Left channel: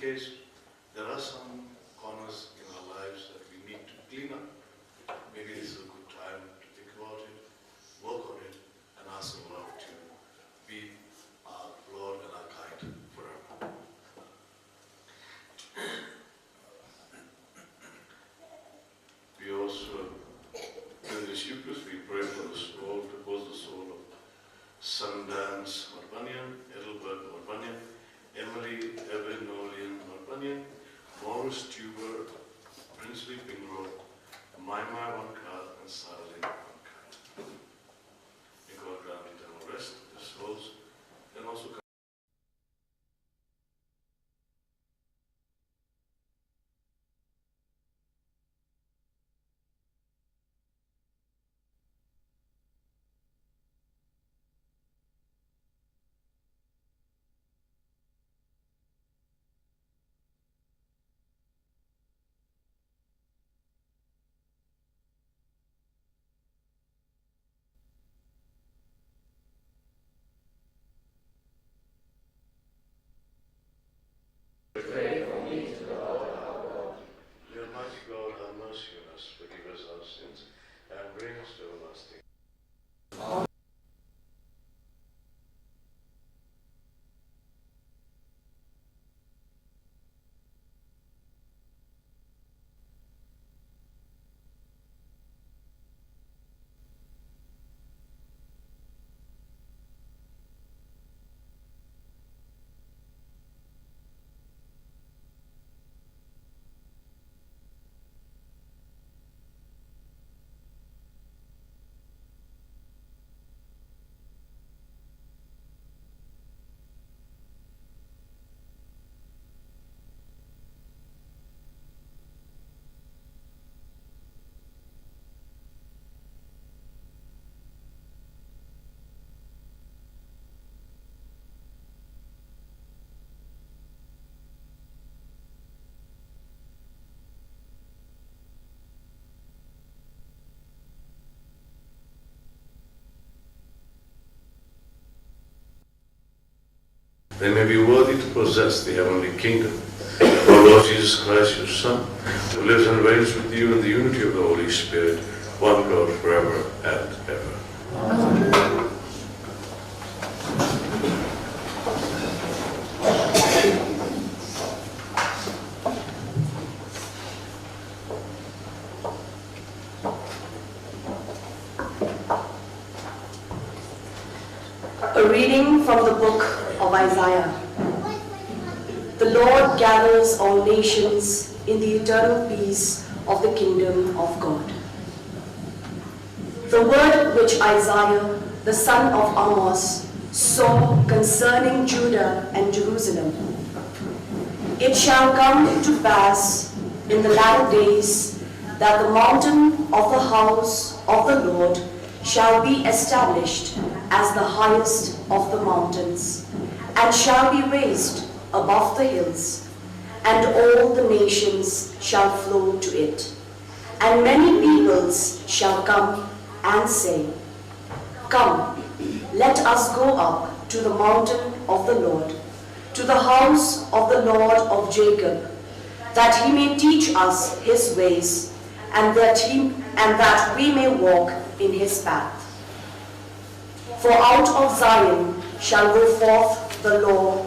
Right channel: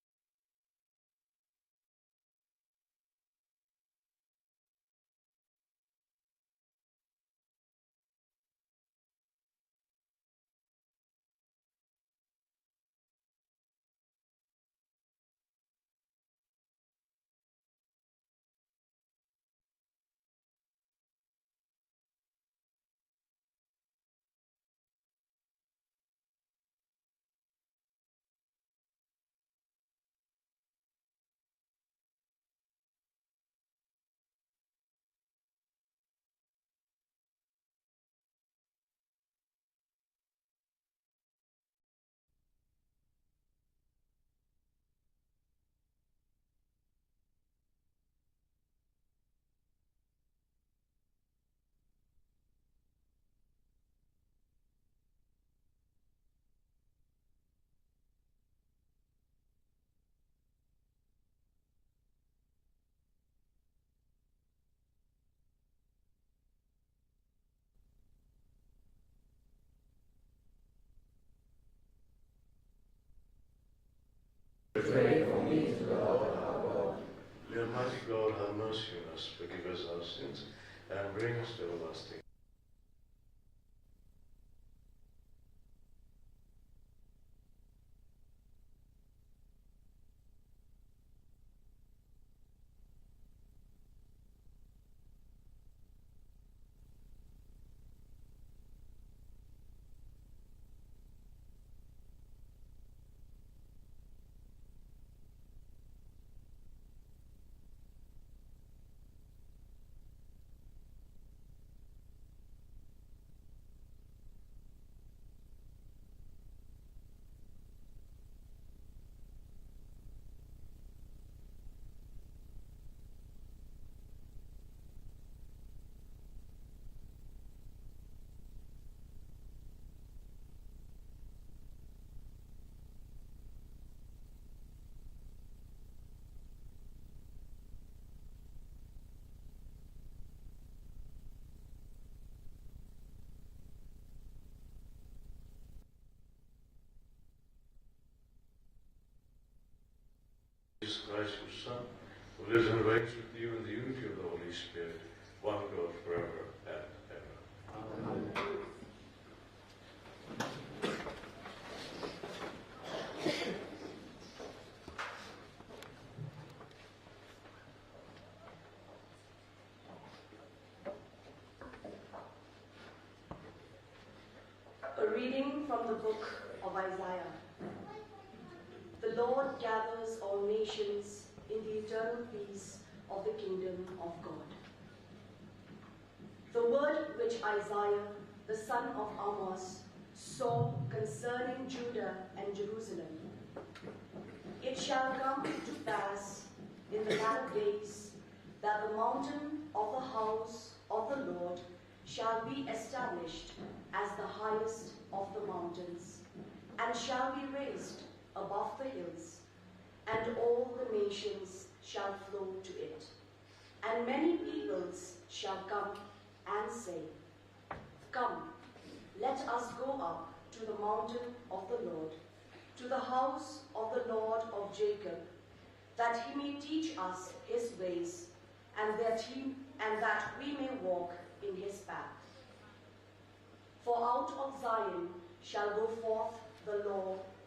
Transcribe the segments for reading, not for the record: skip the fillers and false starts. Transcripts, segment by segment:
case, there are some corners in our lives that we need to clean up. Maybe this is a good time to think about it, work on it, and ask the Lord to be our Lord and our guide forever. We also, in this Eucharist, we pray for the soul, to pose the soul of Sundance Marbanyan, Edelbert Marbanyan, Emily Evelyn Nolian Marbanyan, Morris Tuber, Princely Pingro, Maima Wankar, and Saralyn Wankar. May God grant eternal rest of their souls, and also pray for me to God our God. may Almighty God have mercy on us, forgive us our sins, and bring us to everlasting. They may be worthy to possess the heavenly kingdom. O Lord Jesus Christ, your Son, who lives and reigns with you in the unity of the Holy Spirit, one God forever and ever. Amen. A reading from the book of Isaiah. The Lord gathers all nations in the eternal peace of the kingdom of God. The word which Isaiah, the son of Amos, saw concerning Judah and Jerusalem. It shall come to pass in the latter days that the mountain of the house of the Lord shall be established as the highest of the mountains, and shall be raised above the hills, and all the nations shall flow to it. And many peoples shall come and say, Come, let us go up to the mountain of the Lord, to the house of the Lord of Jacob, that he may teach us his ways, and that we may walk in his path. For out of Zion shall go forth the law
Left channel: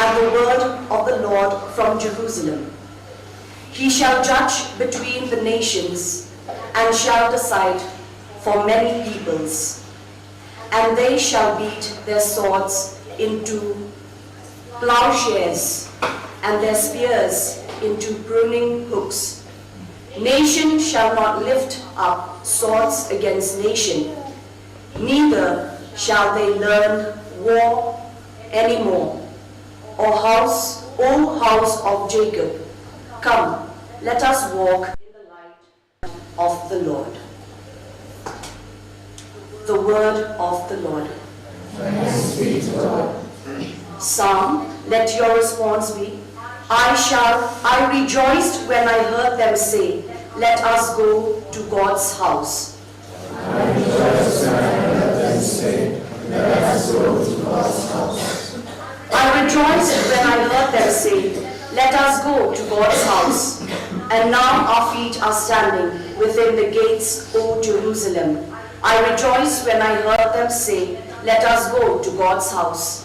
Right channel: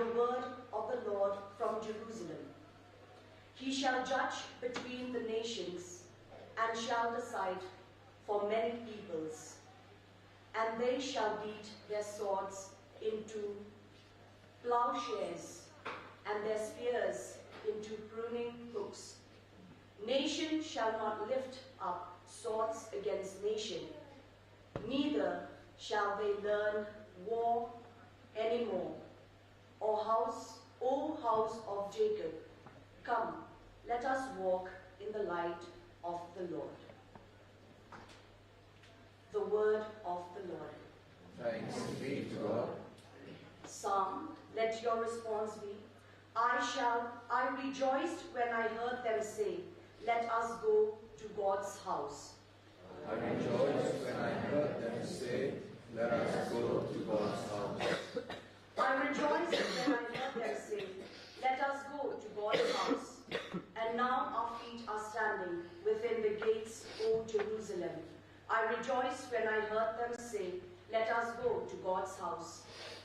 and the word of the Lord from Jerusalem. He shall judge between the nations, and shall decide for many peoples. And they shall beat their swords into plowshares, and their spears into pruning hooks. Nation shall not lift up swords against nation, neither shall they learn war any more. O house of Jacob, come, let us walk in the light of the Lord. The word of the Lord. Thanks be to God. Psalm, let your response be, I rejoiced when I heard them say, let us go to God's house. I rejoiced when I heard them say, let us go to God's house. I rejoiced when I heard them say, let us go to God's house. And now our feet are standing within the gates, O Jerusalem. I rejoiced when I heard them say, let us go to God's house.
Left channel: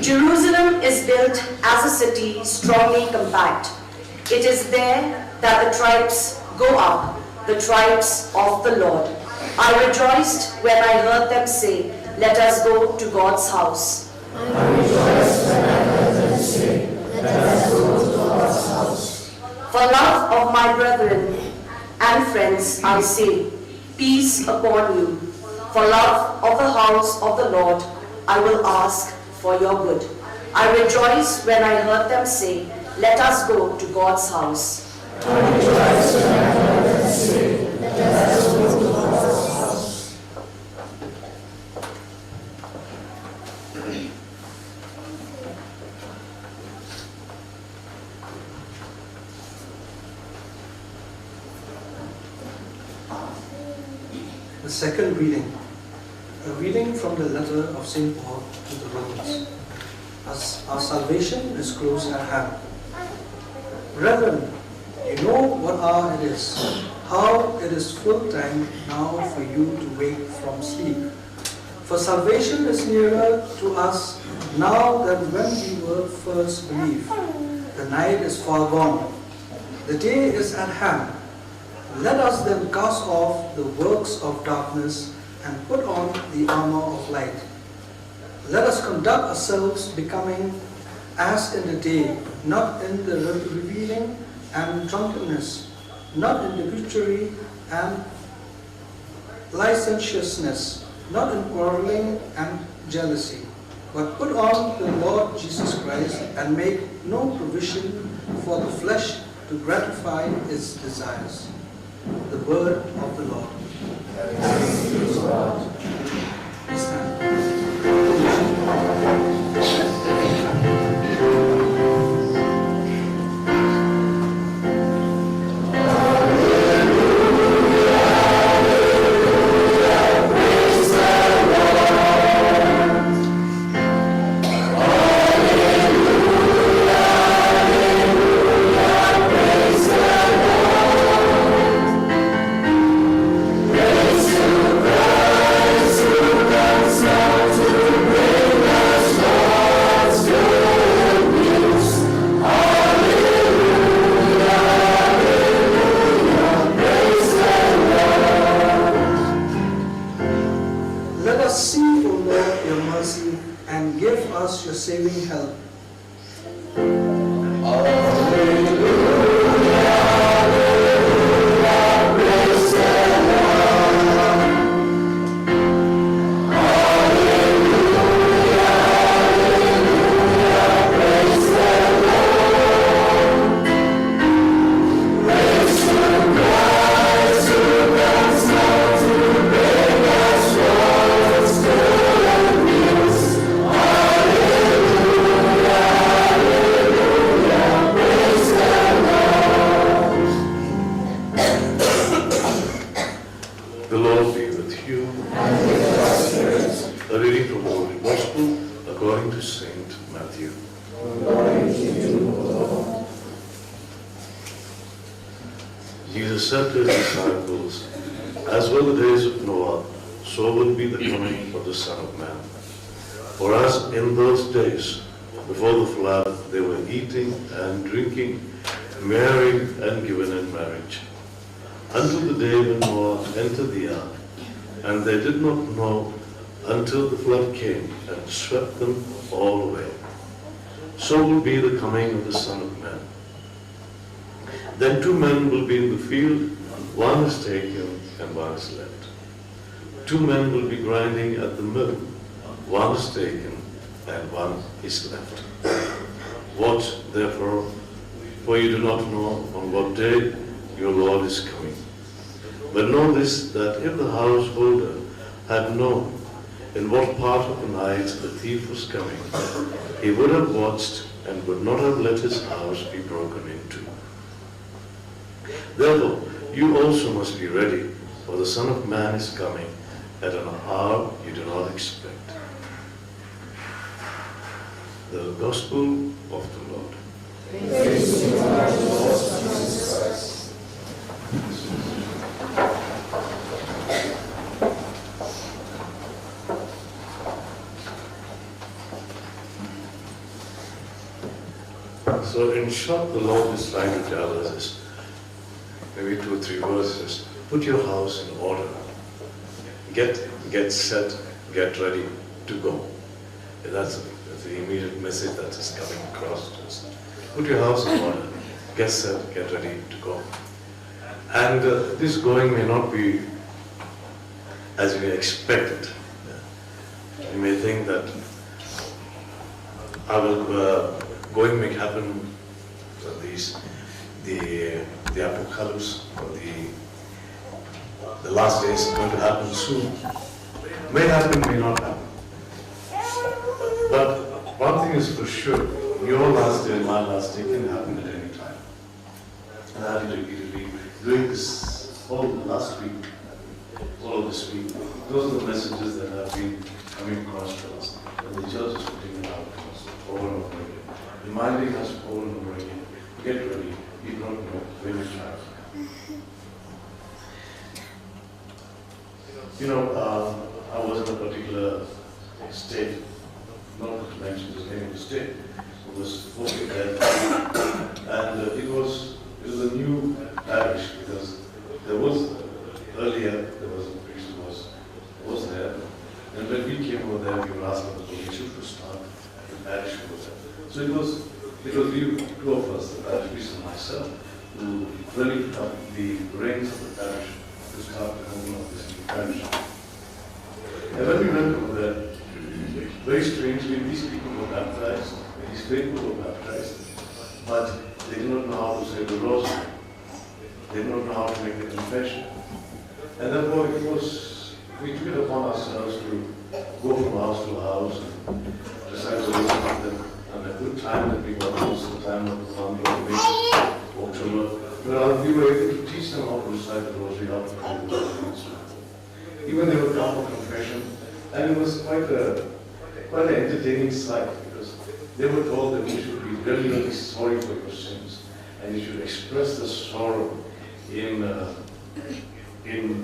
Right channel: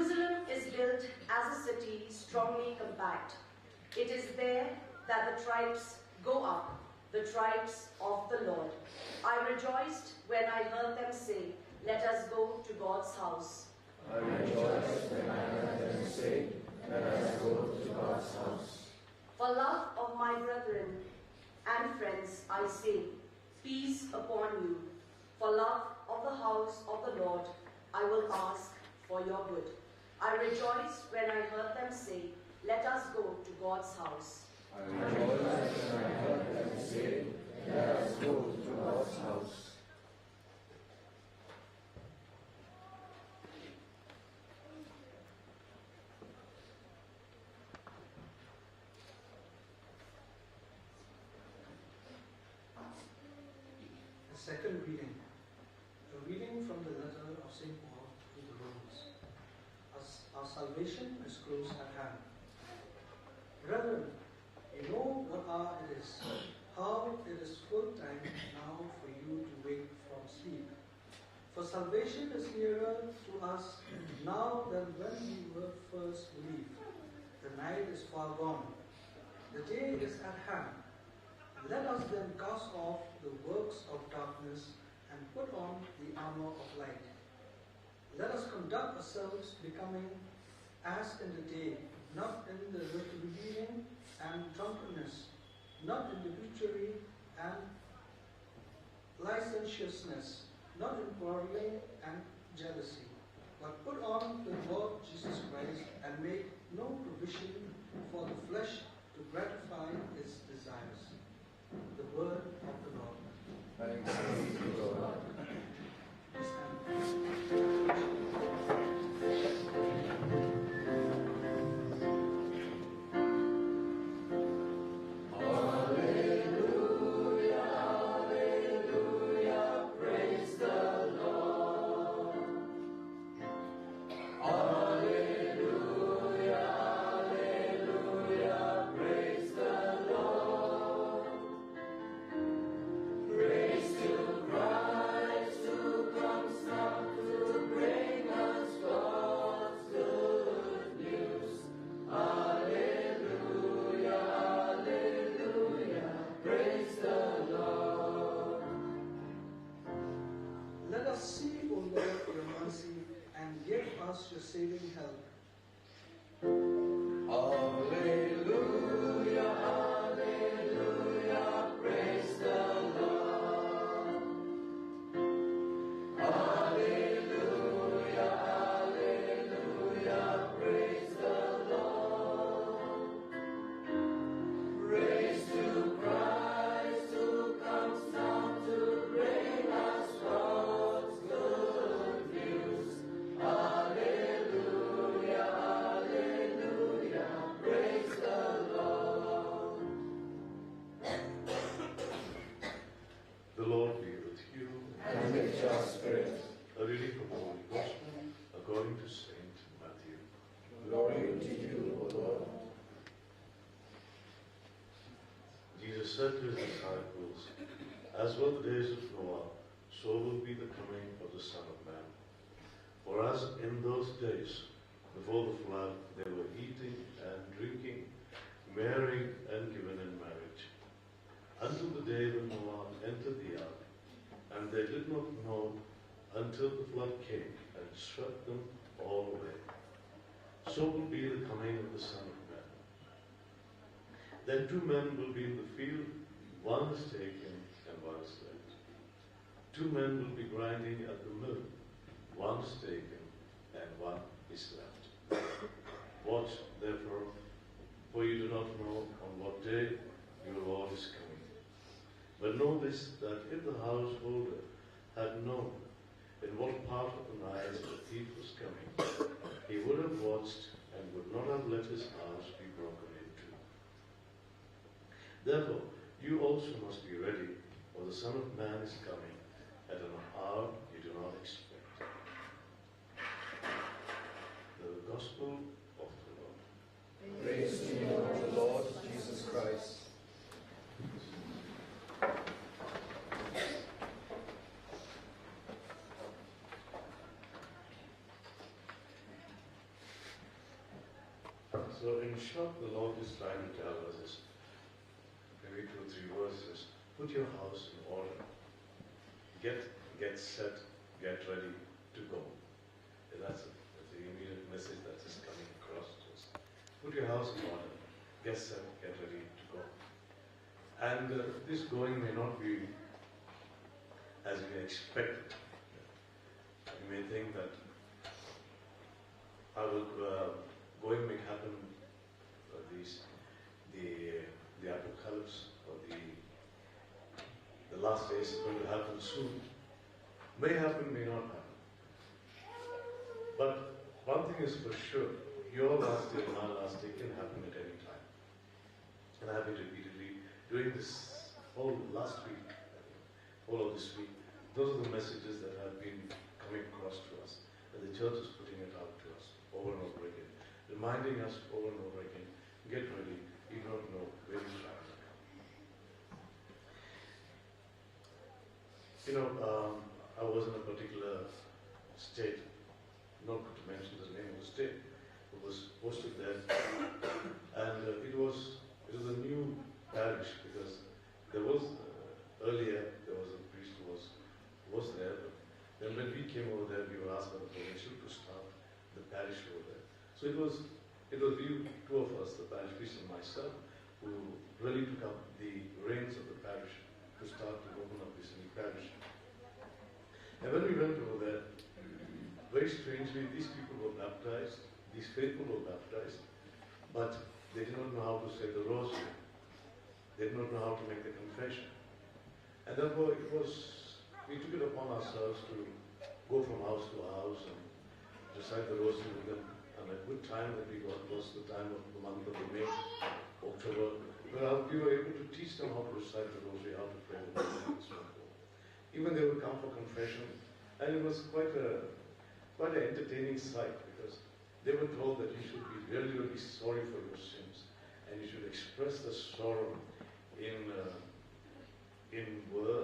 Jerusalem is built as a city strongly compact. It is there that the tribes go up, the tribes of the Lord. I rejoiced when I heard them say, let us go to God's house. For love of my brethren and friends, I say, peace upon you. For love of the house of the Lord, I will ask for your good. I rejoiced when I heard them say, let us go to God's house. The second reading, a reading from the letter of St. Paul to the Romans. Our salvation is close at hand. Brethren, you know what hour it is, how it is full time now for you to wake from sleep. For salvation is nearer to us now than when we were first believed. The night is far gone, the day is at hand. Let us then cast off the works of darkness and put on the armor of light. Let us conduct ourselves becoming as in the day, not in the reveling and drunkenness, not in debauchery and licentiousness, not in quarreling and jealousy, but put on the Lord Jesus Christ and make no provision for the flesh to gratify its desires. The word of the Lord. Please stand. Saving help. Jesus said to his disciples, as were the days of Noah, so will be the coming of the Son of Man. For as in those days, before the flood, they were eating and drinking, marrying and given in marriage, until the day when Noah entered the ark, and they did not know until the flood came and swept them all away. So will be the coming of the Son of Man. Then two men will be in the field, one is taken and one is left. Two men will be grinding at the mill, one is taken and one is left. Watch therefore, for you do not know on what day your Lord is coming. But know this, that if the householder had known in what part of the night the thief was coming, he would have watched and would not have let his house be broken into. Therefore, you also must be ready, for the Son of Man is coming at an hour you do not expect. The Gospel of the Lord. So in short, the Lord is trying to tell us is maybe 2 or 3 verses. Put your house in order. Get set, get ready to go. That's the immediate message that is coming across to us. Put your house in order. Get set, get ready to go. And this going may not be as you expected. You may think that going may happen. The apocalypse or the last days are going to happen soon. May happen, may not happen. But one thing is for sure, your last day and my last day can happen at any time. And I will be doing this all the last week, all of this week. Those are the messages that have been coming across to us. So the church is putting it out over and over again. Reminding us over and over again. Get ready. You don't know when you try. I was in a particular state, not to mention the name of the state. It was 40 and it was a new parish because there was earlier there was a priest who was there, and when we came over there, we were asking the permission to start at the parish over there. So it was you, two of us, the parish priest and myself, who really took the reins of the parish to start the whole of this parish. And when we went over there, very strangely, these people were baptized, these people were baptized, but they don't know how to say the rosary. They don't know how to make a confession. And therefore we took it upon ourselves to go from house to house and decide to listen to them. And a good time that we got most of the time of the week, October, where we were able to teach them how to recite the rosary, how to pray the rosary. Even they would come for confession, and it was quite an entertaining sight because they were told that you should be really, really sorry for your sins, and you should express the sorrow in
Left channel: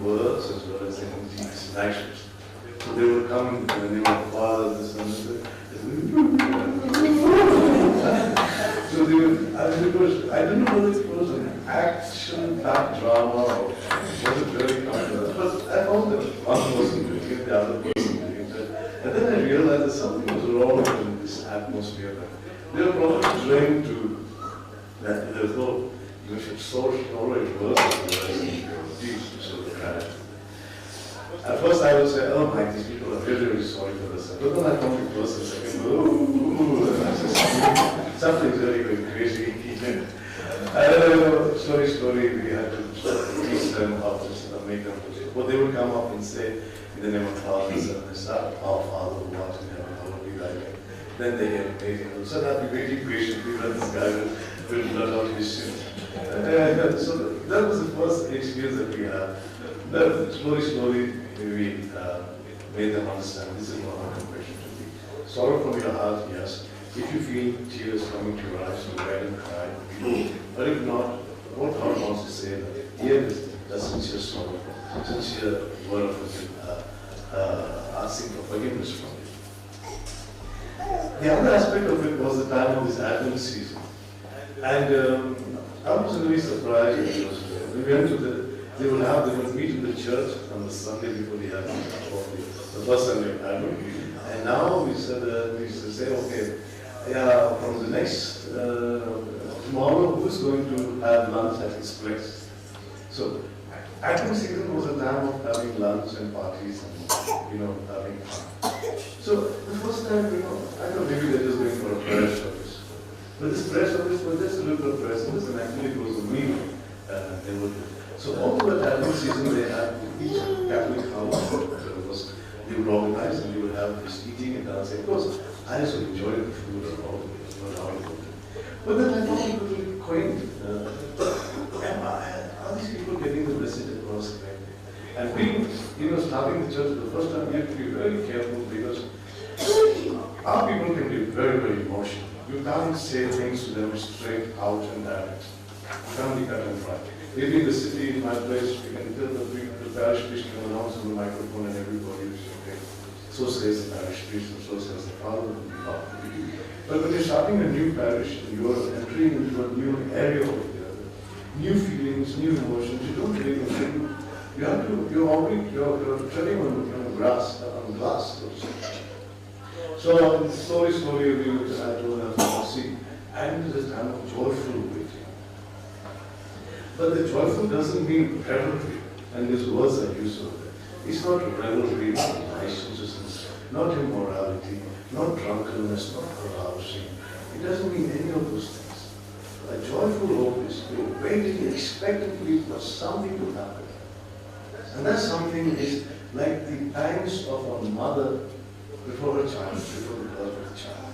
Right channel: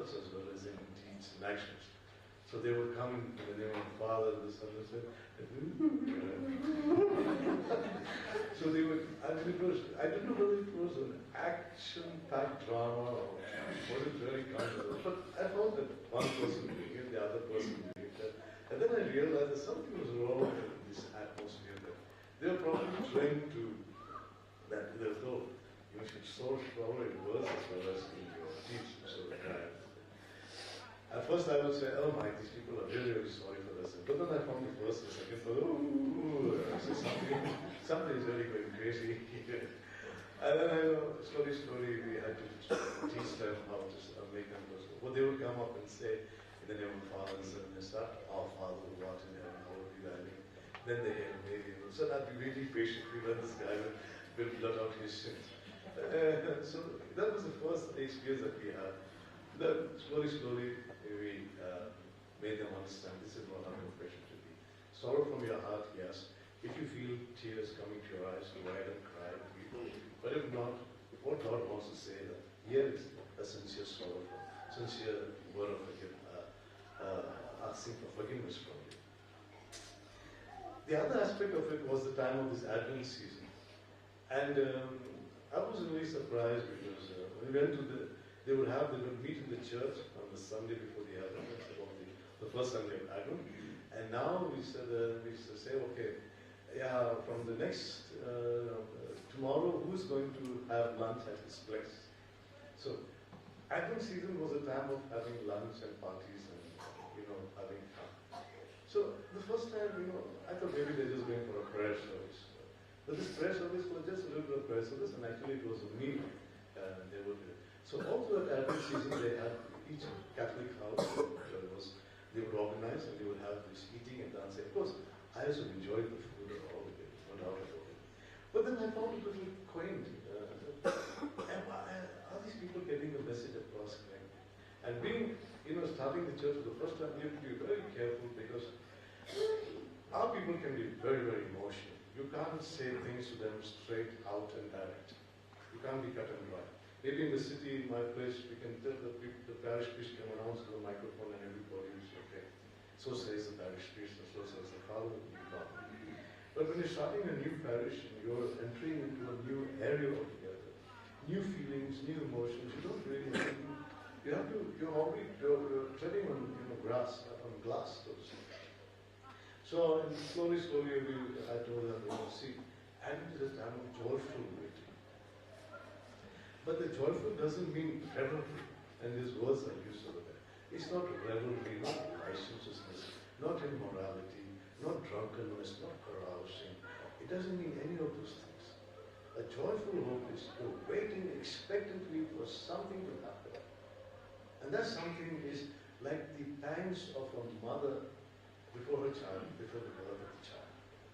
words as well as in deeds and actions. So they would come in the name of the Father, the Son, and so they would, I don't know whether it was an action, type drama, or was it very kind, but I found that one person doing it, the other person doing it. And then I realized that something was wrong in this atmosphere. They were probably trained to, that there's no social knowledge At first I would say, oh my, these people are really, really sorry for us. But when I come to first and second, something's really, really crazy. Slowly, we had to teach them how to make them. But they would come up and say, in the name of the Father, and Son, our Father who art in heaven, hallowed be thy name. Then they get amazing. So I'd be waiting patiently that this guy will learn out his sins. So that was the first experience that we had. Slowly, we made them understand this is not our confession to be. Sorrow from your heart, yes. If you feel tears coming to your eyes, so cry and cry. But if not, what God wants to say that here is just sincere sorrow, sincere word of asking for forgiveness from you. The other aspect of it was the time of this Advent season. And I was really surprised because we went to they would meet in the church on the Sunday before the Advent, the first Sunday of Advent. And now we said, okay, from the next, tomorrow, who's going to have lunch at his place? So, Advent season was a time of having lunch and parties and, having fun. So, the first time, I thought maybe they're just going for a prayer service. But this prayer service was just a little prayer service, and actually it was a meal. So all over the Advent season, they had each Catholic house. So they would organize and they would have this eating and dancing. Of course, I also enjoyed the food and all. But then I thought it was really quaint. Are these people getting the message across? And being, starting the church, the first time we have to be very careful because our people can be very, very emotional. can't say things to them straight out and direct. You can't be cut and dry. Maybe in the city, in my place, we can tell the parish priest can announce on the microphone and everybody is okay. So says the parish priest and so says the father. But when you're starting a new parish, you're entering into a new area of new feelings, new emotions. You don't really know. You have to, you're treading on the grass, on glass. So slowly, we look at that and see, and this time of joyful waiting. But the joyful doesn't mean revelry, and these words are used. It's not revelry, not licentiousness, not immorality, not drunkenness, not carousing. It doesn't mean any of those things. So a joyful hope is waiting expectantly for something to happen. And that something is like the times of a mother before a child, before the birth of a child.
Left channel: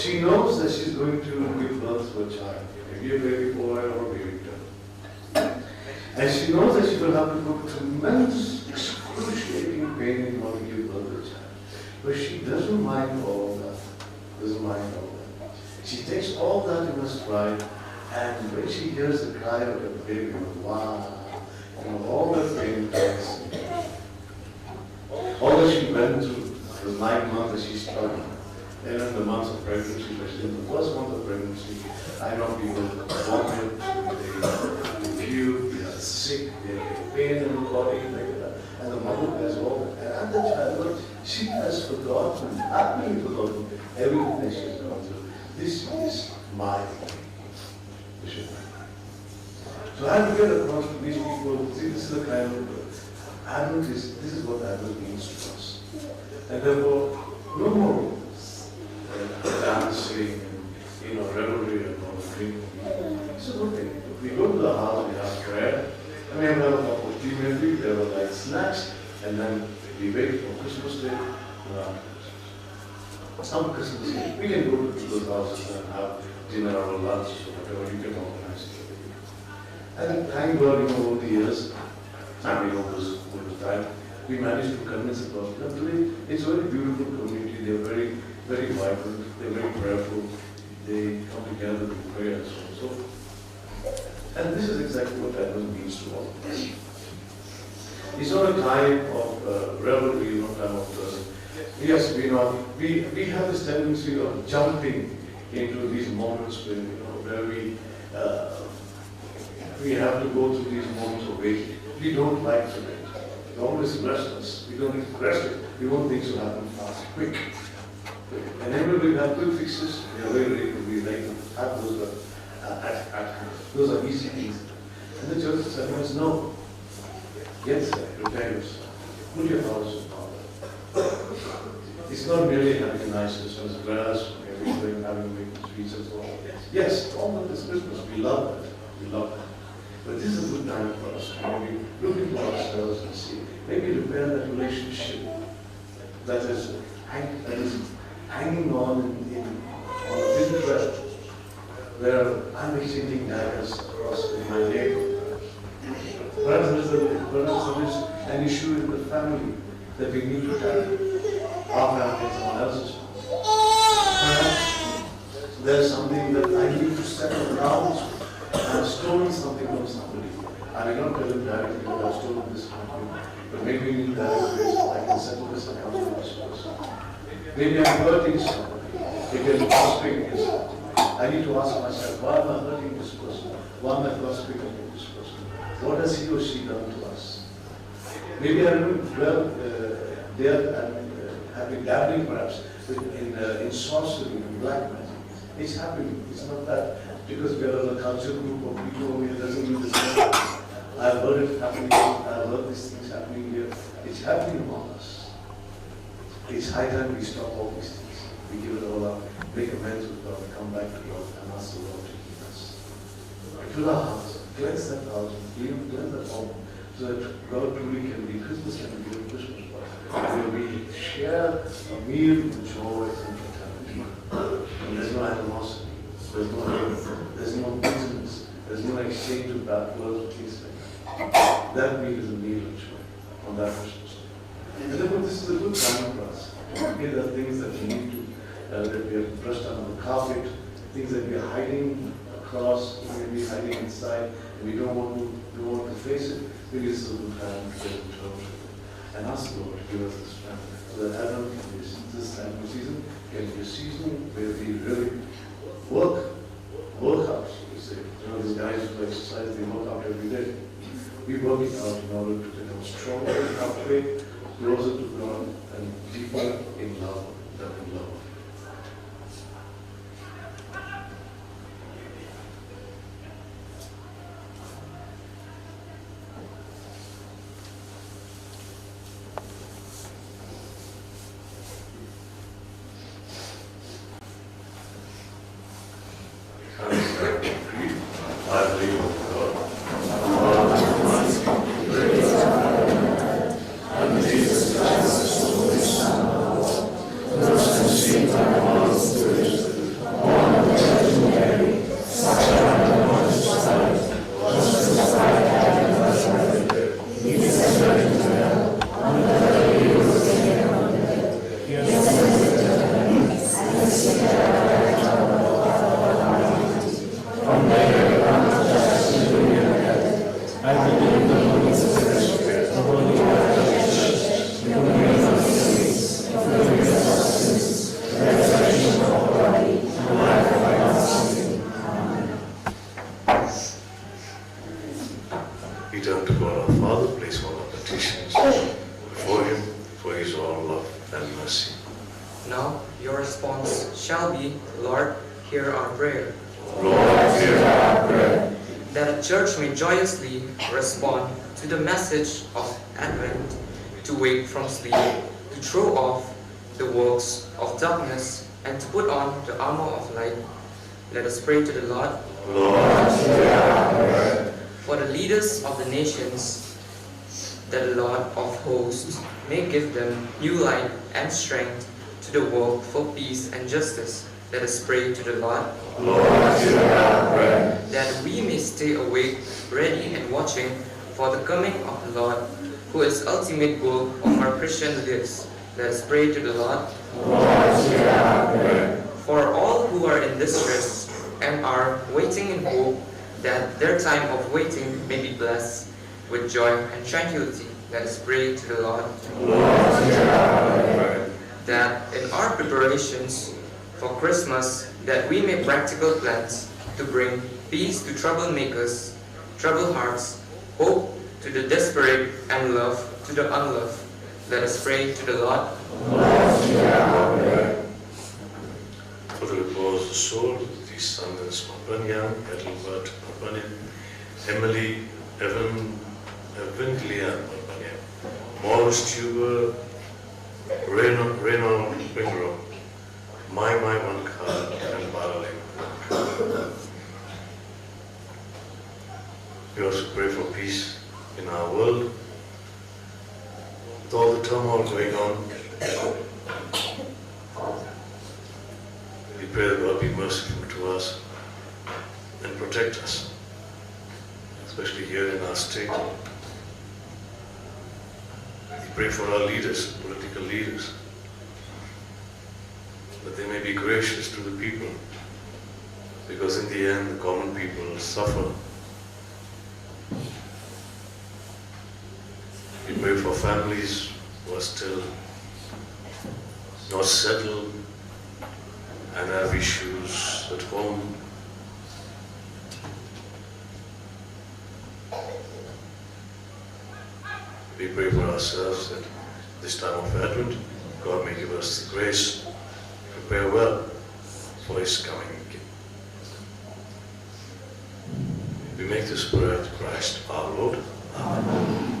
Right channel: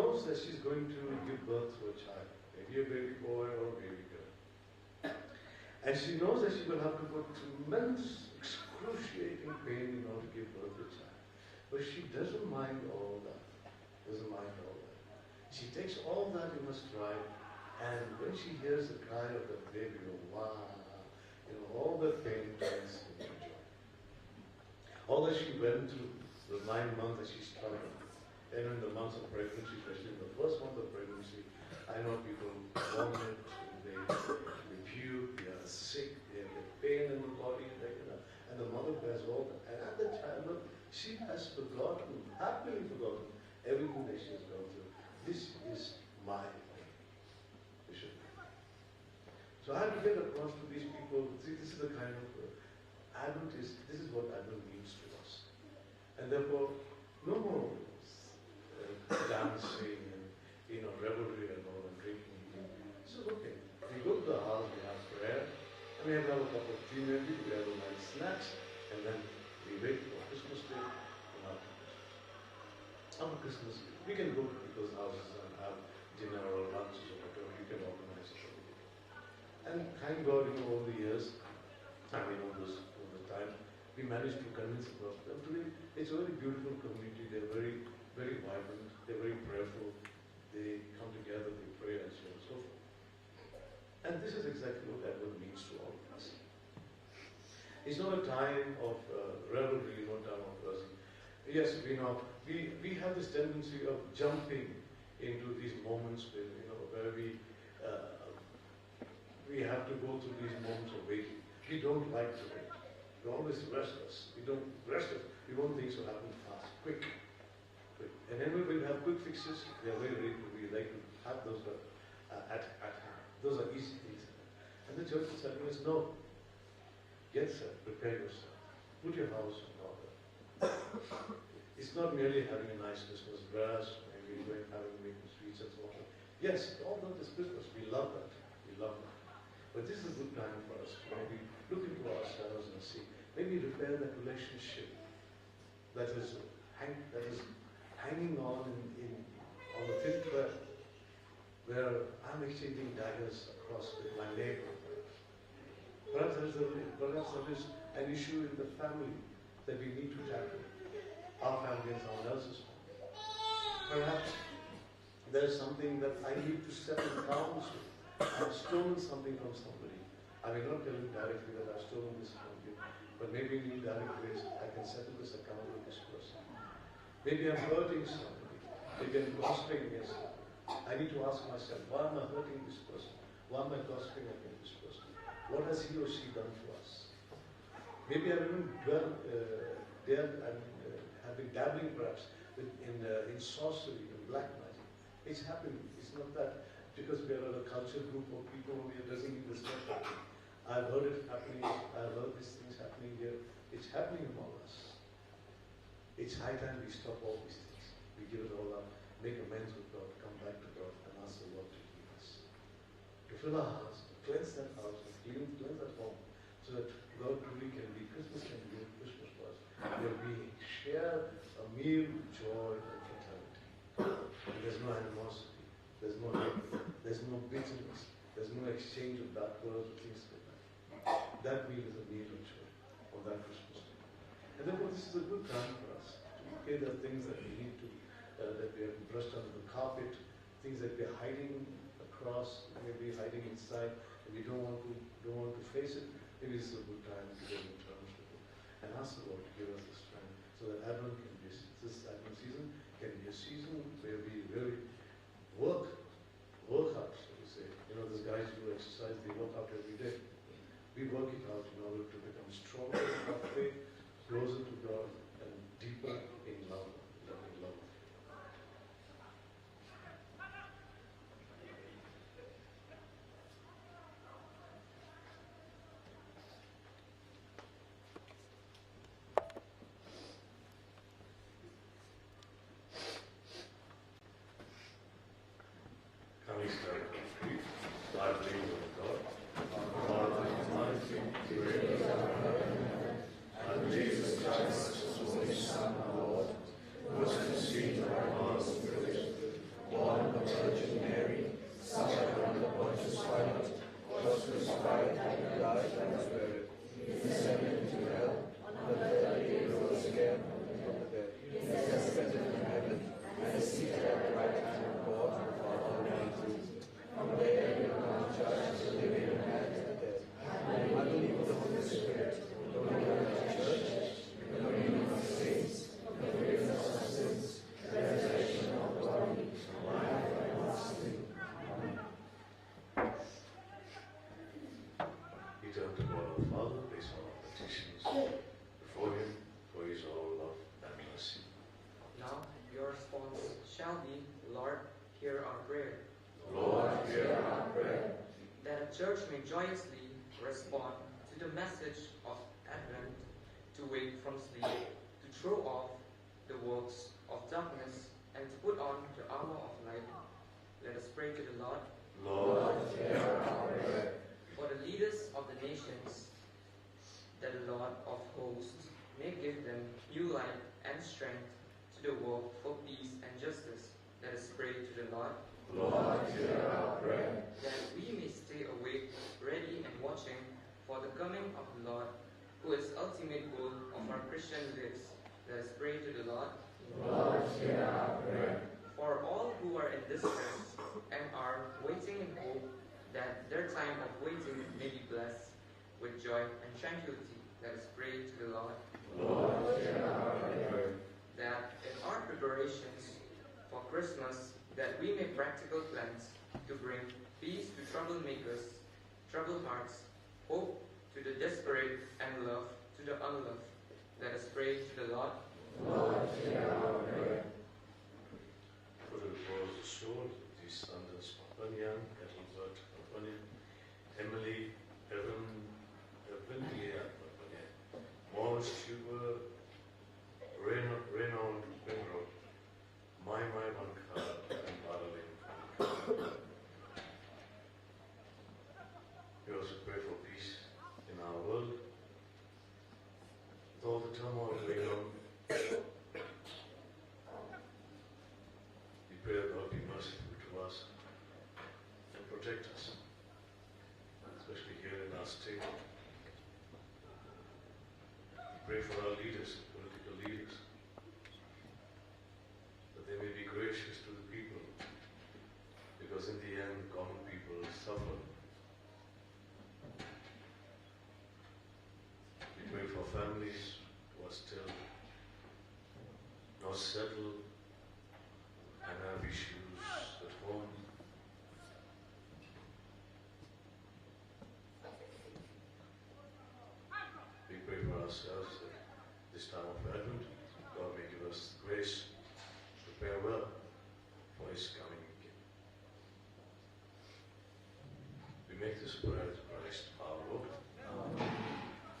She knows that she's going to give birth to a child, maybe a baby boy or a baby girl. And she knows that she will have to go through tremendous, excruciating pain in order to give birth to a child. But she doesn't mind all that. Doesn't mind all that. She takes all that in her stride, and when she hears the cry of a baby, wow, all the pain comes. All that she went through the 9 months that she struggled. Then in the months of pregnancy, especially the first month of pregnancy, I know people vomit, they puke, they are sick, they have pain in the body, like that. And the mother has all that. And the child, she has forgotten, happily forgotten everything that she's gone through. This is my vision. So I have to get across to these people, see, this is the kind of adult is, this is what adult means to us. And therefore, no more dancing and revelry and all drinking. This is okay. We go to the house, we have prayer, we have a opportunity, there are like snacks, and then we wait for Christmas Day. Some Christmas Day, we can go to those houses and have dinner or lunch or whatever you can organize. And thank God, over the years, family members over time, we managed to convince the person. And today, it's a very beautiful community. They're very, very vibrant. They're very prayerful. They come together in prayer and so on. And this is exactly what that means to all of us. It's not a time of revelry, not a time of yes, we have this tendency of jumping into these moments where we have to go through these moments of waiting. We don't like to wait. It's always restless. We don't express it. We want things to happen fast, quick. And then when we have to fix this, we like have those those are easy things. And the church said, no. Yes, prepare yourself. Put your house in order. It's not merely having nice Christmas grass, everything, having big streets and so on. Yes, all of this Christmas, we love it. We love it. But this is a good time for us to maybe look into ourselves and see, maybe repair that relationship that is hanging on in a big thread, where I'm exchanging daggers across my neighborhood. Perhaps there's an issue in the family that we need to tackle. Our family and someone else's family. Perhaps there's something that I need to settle down. I've stolen something from somebody. I may not tell them directly that I've stolen this from you, but maybe in that place I can settle this and come to this person. Maybe I'm hurting somebody. Maybe I'm gossiping this. I need to ask myself, why am I hurting this person? Why am I gossiping about this person? What has he or she done to us? Maybe I'm having dabbling perhaps in sorcery, in black magic. It's happening. It's not that because we are in a cultural group of people, it doesn't mean the same. I've heard it happening, I've heard these things happening here. It's happening among us. It's high time we stop all these things. We give it all up, make amends with God, come back to God, and ask the Lord to keep us. To the house, cleanse that house, cleanse that home, so that God truly can be Christmas can be a Christmas. Where we share a meal of joy and fraternity. And there's no animosity, there's no bitterness, there's no exchange of bad words with things like that. That meal is a meal of joy on that Christmas. And therefore, this is a good time for us. There are things that we need to that we have to brush down on the carpet, things that we are hiding across, maybe hiding inside. We don't want to face it. Maybe it's a good time to get into it and ask the Lord to give us the strength. So that Adam, this time of season, can be a season where we really work out. You say, these guys who exercise, they work out every day. We work it out in order to become stronger in our faith, closer to God, and deeper in love than in love. I believe in God. We turn to God our Father, place all our petitions before Him, for He is all love and mercy. Now your response shall be, Lord, hear our prayer. Lord, hear our prayer. That the church may joyously respond to the message of Advent, to wake from sleep, to throw off the works of darkness, and to put on the armor of light. Let us pray to the Lord. Lord, hear our prayer. For the leaders of the nations, that the Lord of hosts may give them new light and strength to the work for peace and justice. Let us pray to the Lord. Lord, hear our prayer. That we may stay awake, ready and watching for the coming of the Lord, who is ultimate goal of our Christian lives. Let us pray to the Lord. Lord, hear our prayer. For all who are in distress and are waiting in hope, that their time of waiting may be blessed with joy and tranquility. Let us pray to the Lord. Lord, hear our prayer. That in our preparations for Christmas, that we make practical plans to bring peace to troublemakers, troubled hearts, hope to the desperate, and love to the unloved. Let us pray to the Lord. Lord, hear our prayer. For the repose of the soul of the descendants of Banyan, Ethelbert, Banyan, Emily, Evanglia, Morris Tuber, Reno Wingro, My Wankar, and Baraling. We also pray for peace in our world. With all the turmoil going on, we pray that God be merciful to us and protect us, especially here in our state. We pray for our leaders, political leaders, that they may be gracious to the people, because in the end the common people will suffer. We pray for families who are still not settled and have issues at home. We pray for ourselves that this time of Advent, God may give us the grace to prepare well for His coming. We make this prayer to Christ our Lord. Amen.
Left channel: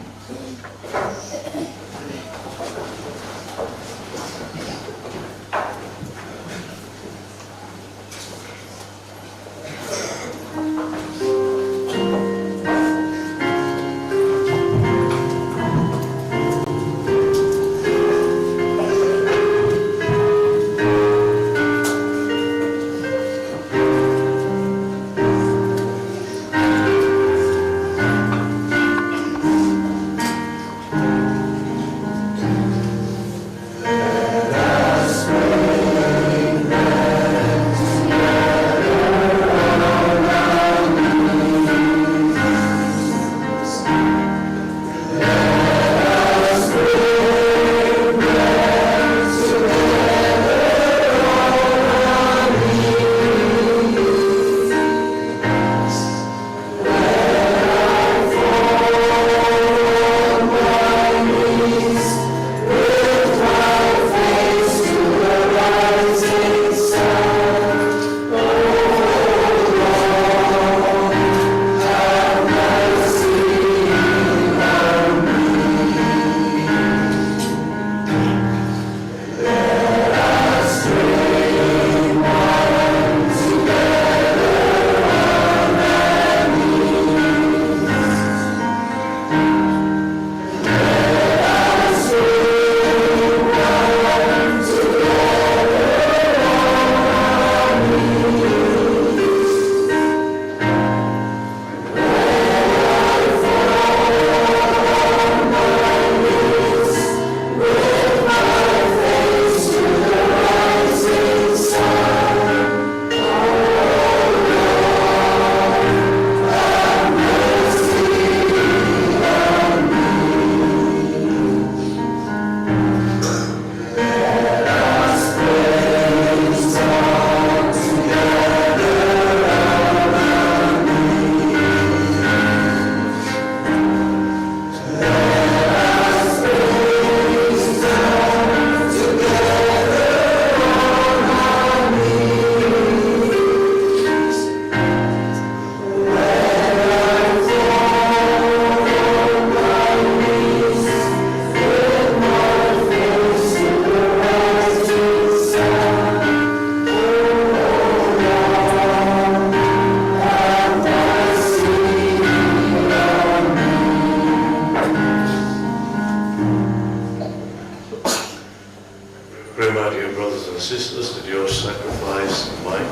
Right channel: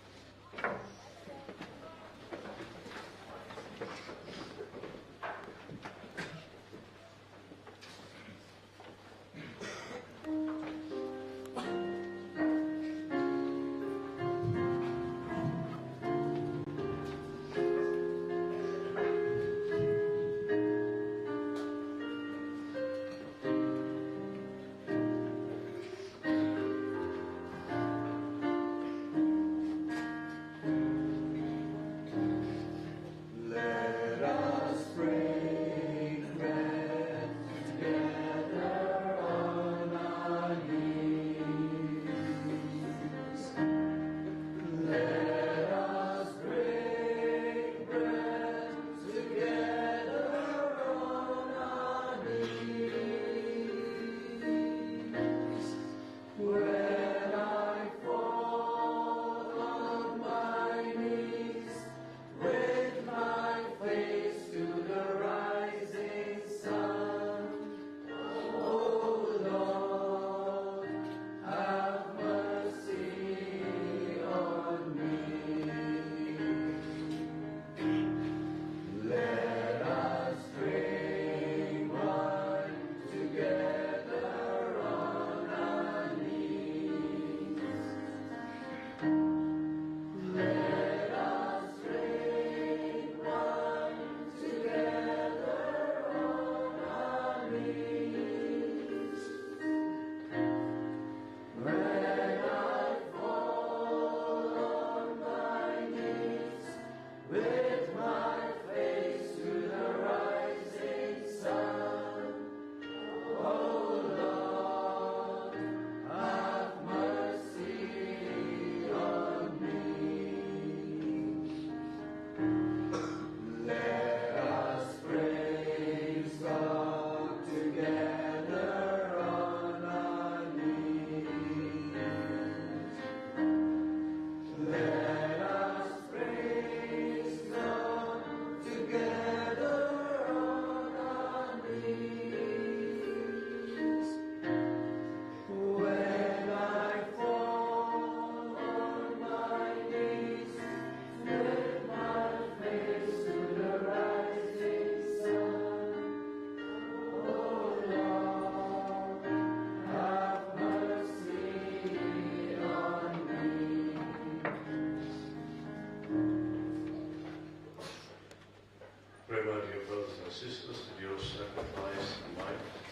brothers and sisters, that your sacrifice and mine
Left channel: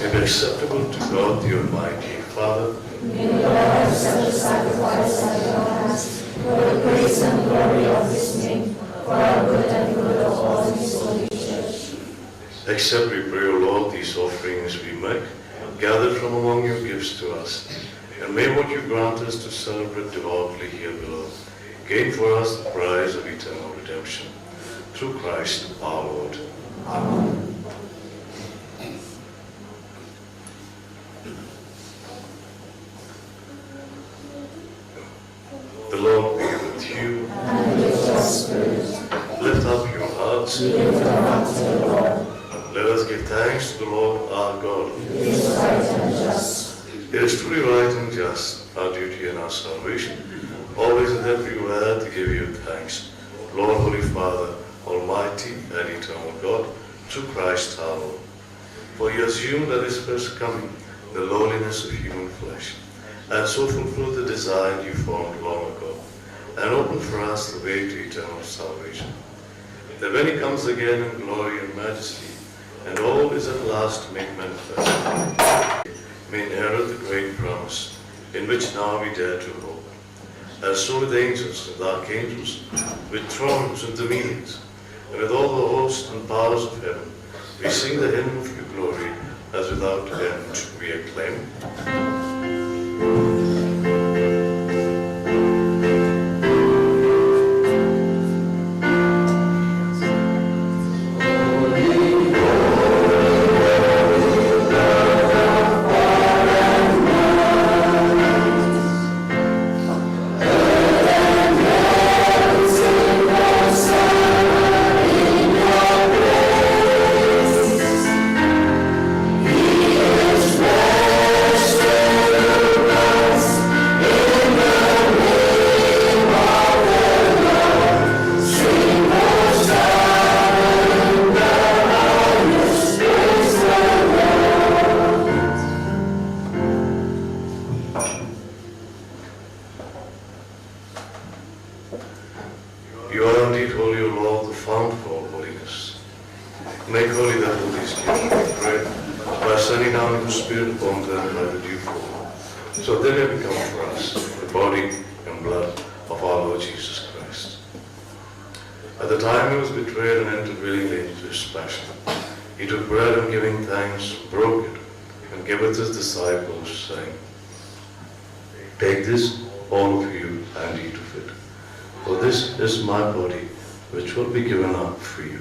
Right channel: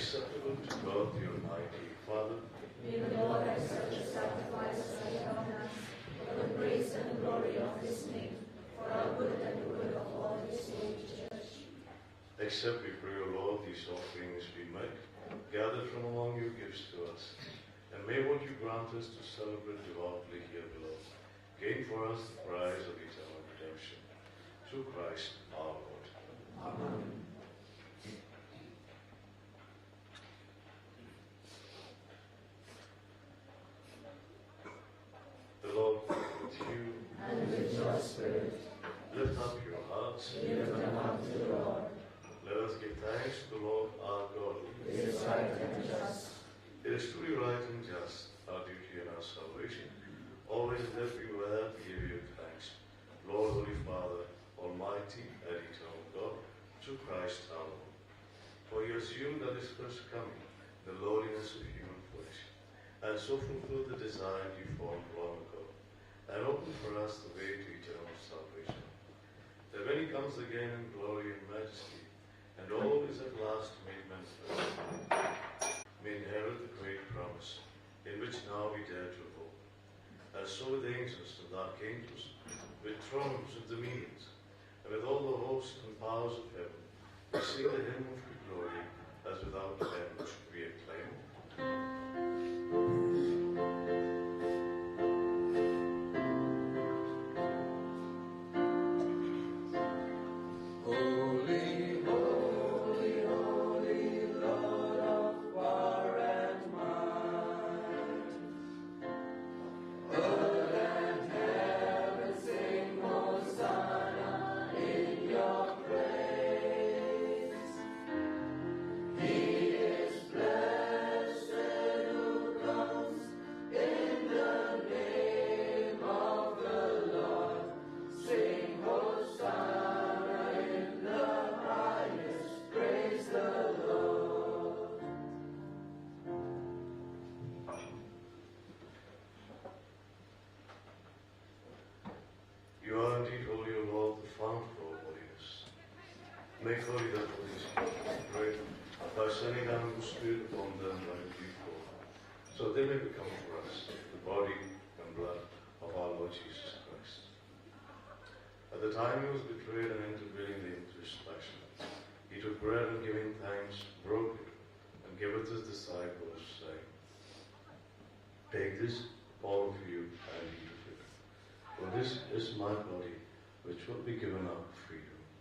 may be acceptable to God the Almighty. Father, May the Lord accept the sacrifice at your hands, for the praise and glory of his name, for our good and good of all his holy church. accept, we pray, O Lord, these offerings we make, gathered from among your gifts to us. And may what you grant us to celebrate devoutly here below gain for us the prize of eternal redemption. Through Christ our Lord. Amen. The Lord be with you. And with your spirit, Lift up your hearts. lift them up to the Lord. Let us give thanks to the Lord our God. It is right and just. It is truly right and just, our duty and our salvation, always and everywhere to give you thanks. Lord, Holy Father, Almighty and eternal God, through Christ our Lord. For you assumed at his first coming the lowliness of human flesh, and so fulfilled the design you formed long ago, and opened for us the way to eternal salvation. That when he comes again in glory and majesty, and all is at last made manifest, may inherit the great promise, in which now we dare to hope. And so with angels and archangels, with thrones and dominions, and with all the hosts and powers of heaven, we sing the hymn of your glory, as without end we acclaim. You are indeed holy, O Lord, the fount of all holiness. Make holy that all these gifts, we pray, by sending down your Spirit upon them by the dew fall, so they may become for us the body and blood of our Lord Jesus Christ. At the time he was betrayed and entered willingly into his passion, he took bread and giving thanks, broke it, and gave it to his disciples, saying, Take this, all of you, and eat of it. For this is my body, which will be given up for you.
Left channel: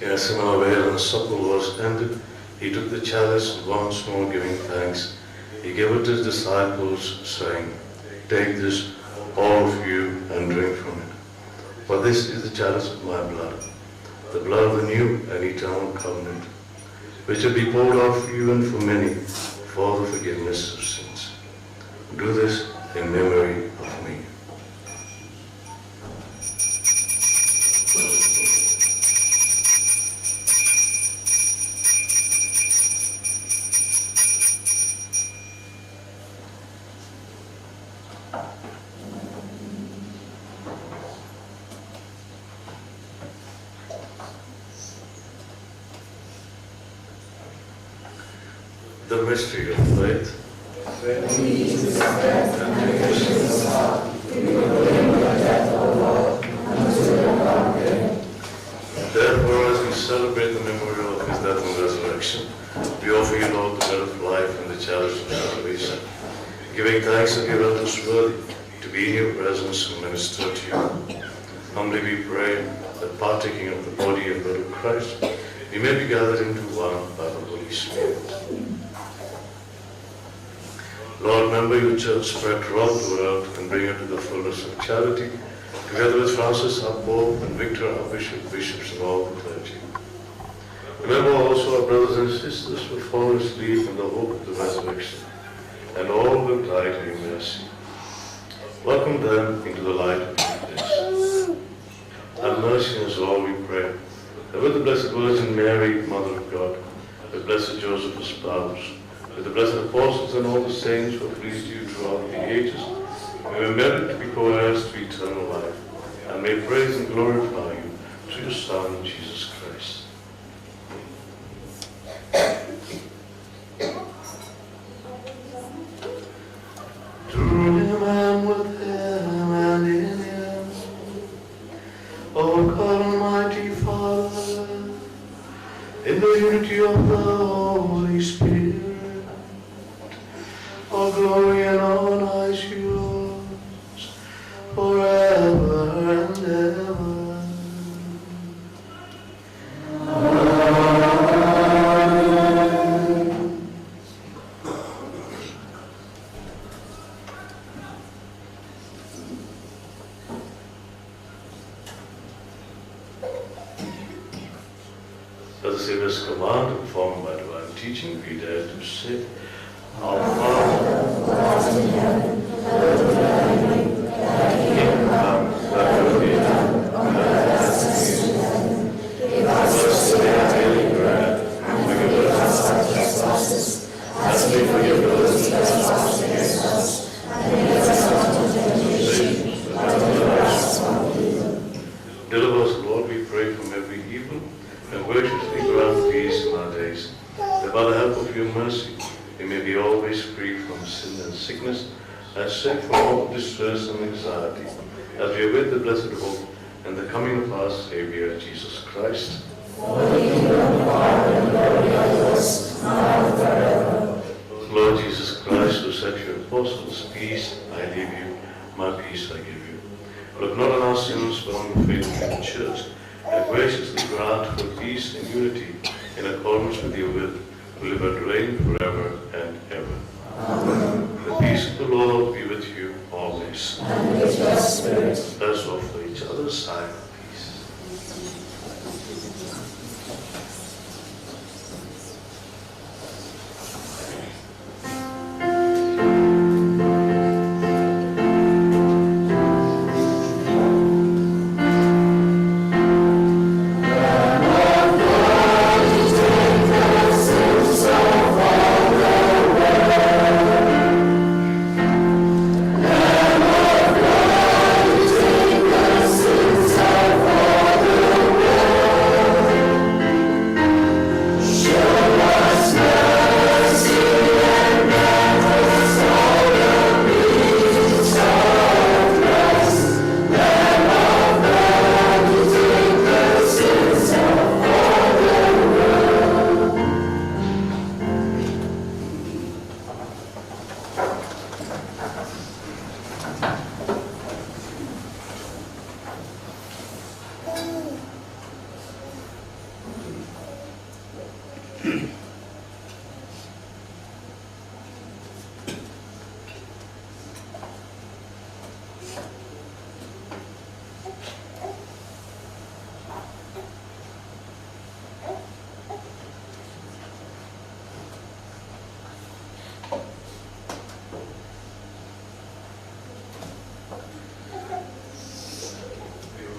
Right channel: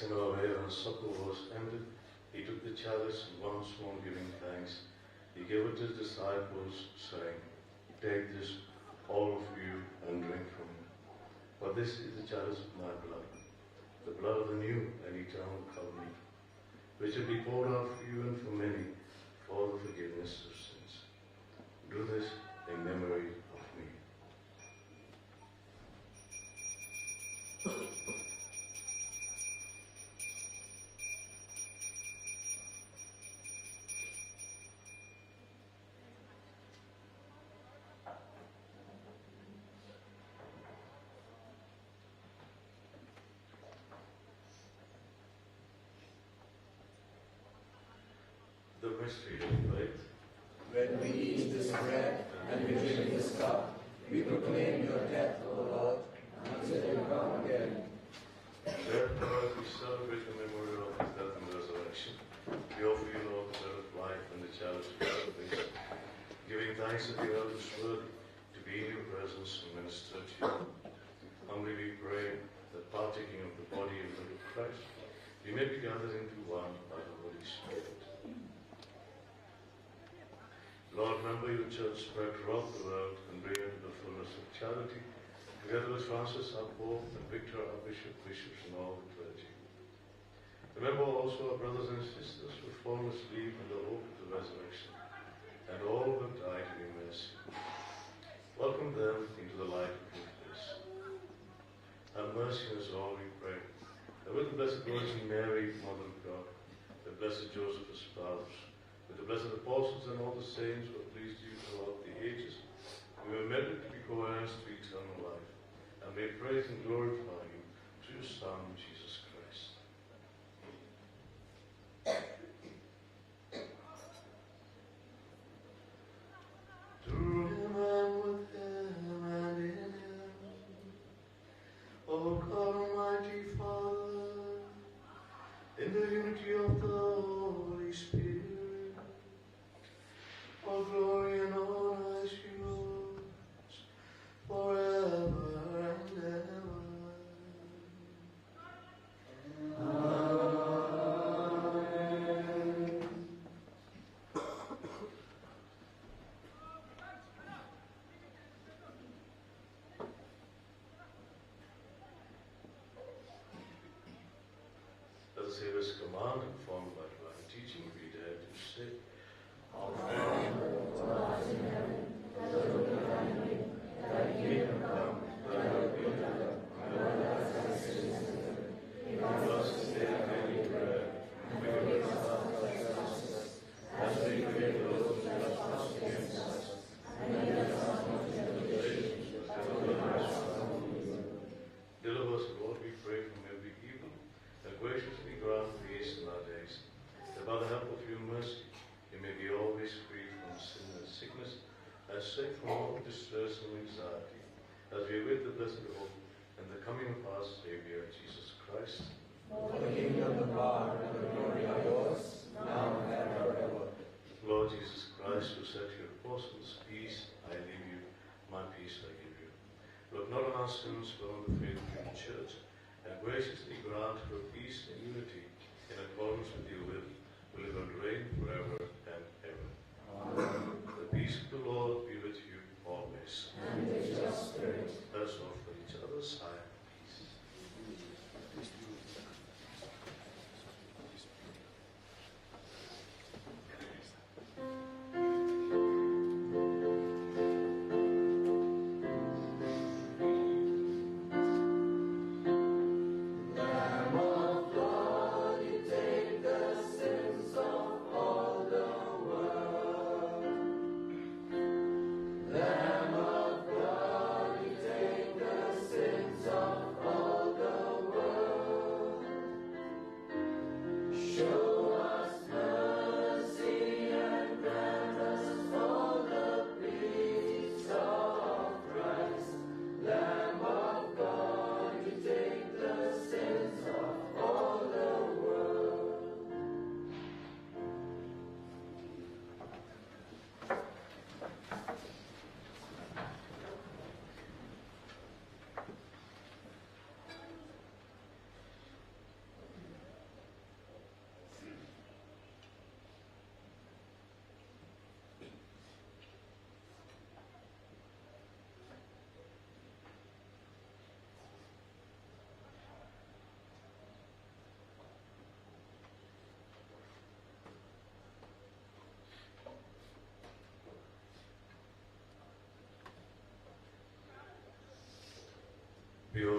Yes, and when the supper was ended, he took the chalice once more, giving thanks. He gave it to his disciples, saying, Take this, all of you, and drink from it. For this is the chalice of my blood, the blood of the new and eternal covenant, which will be poured out for you and for many, for the forgiveness of sins. Do this in memory of me. The mystery of faith. Therefore, as we celebrate the memory of his death and resurrection, we offer you, Lord, the bread of life and the chalice of salvation, giving thanks that you have us worthy to be in your presence and minister to you. Humbly we pray that partaking of the body and blood of Christ, we may be gathered into one by the Holy Spirit. Lord, remember your church spread throughout the world and bring her to the fullness of charity, together with Francis, our Pope, and Victor, our Bishop, bishops, and all the clergy. Remember also our brothers and sisters who have fallen asleep in the hope of the resurrection, and all who died in your mercy. Welcome them into the light of your face. Have mercy on us all, we pray, that with the Blessed Virgin Mary, Mother of God, with Blessed Joseph, his spouse, with the blessed apostles and all the saints who have pleased you throughout the ages, may we merit to be co-heirs to eternal life, and may praise and glorify you through your Son, Jesus Christ. Through him and with him and in him, O God Almighty Father, in the unity of the Holy Spirit, all glory and honor is yours, forever and ever. As the Savior's command, informed by divine teaching, we dare to say, Our Father, who art in heaven, hallowed be thy name. Thy kingdom come, thy will be done, on earth as it is in heaven. Give us this day our daily bread, and forgive us our trespasses, as we forgive those who trespass against us. And lead us not into temptation, but deliver us from evil. Deliver us, Lord, we pray, from every evil, and graciously grant peace in our days, that by the help of your mercy we may be always free from sin and sickness, and safe from all distress and anxiety, as we await the blessed hope and the coming of our Savior, Jesus Christ. Lord Jesus Christ, who said to your apostles, Peace I leave you, my peace I give you. Look not on our sins, but on the faith of the Church, and graciously grant her peace and unity in accordance with your will, who live and reign forever and ever. The peace of the Lord be with you always. And with your spirit. Let's offer each other a sign of peace.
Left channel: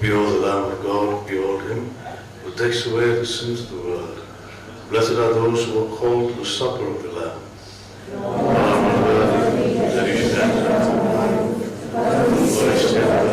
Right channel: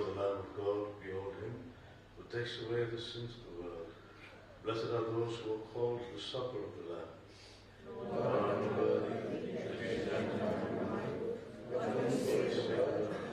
Behold the Lamb of God, behold him, who takes away the sins of the world. Blessed are those who are called to the supper of the Lamb. Lord, I'm unworthy that you should enter. Lord, is tender.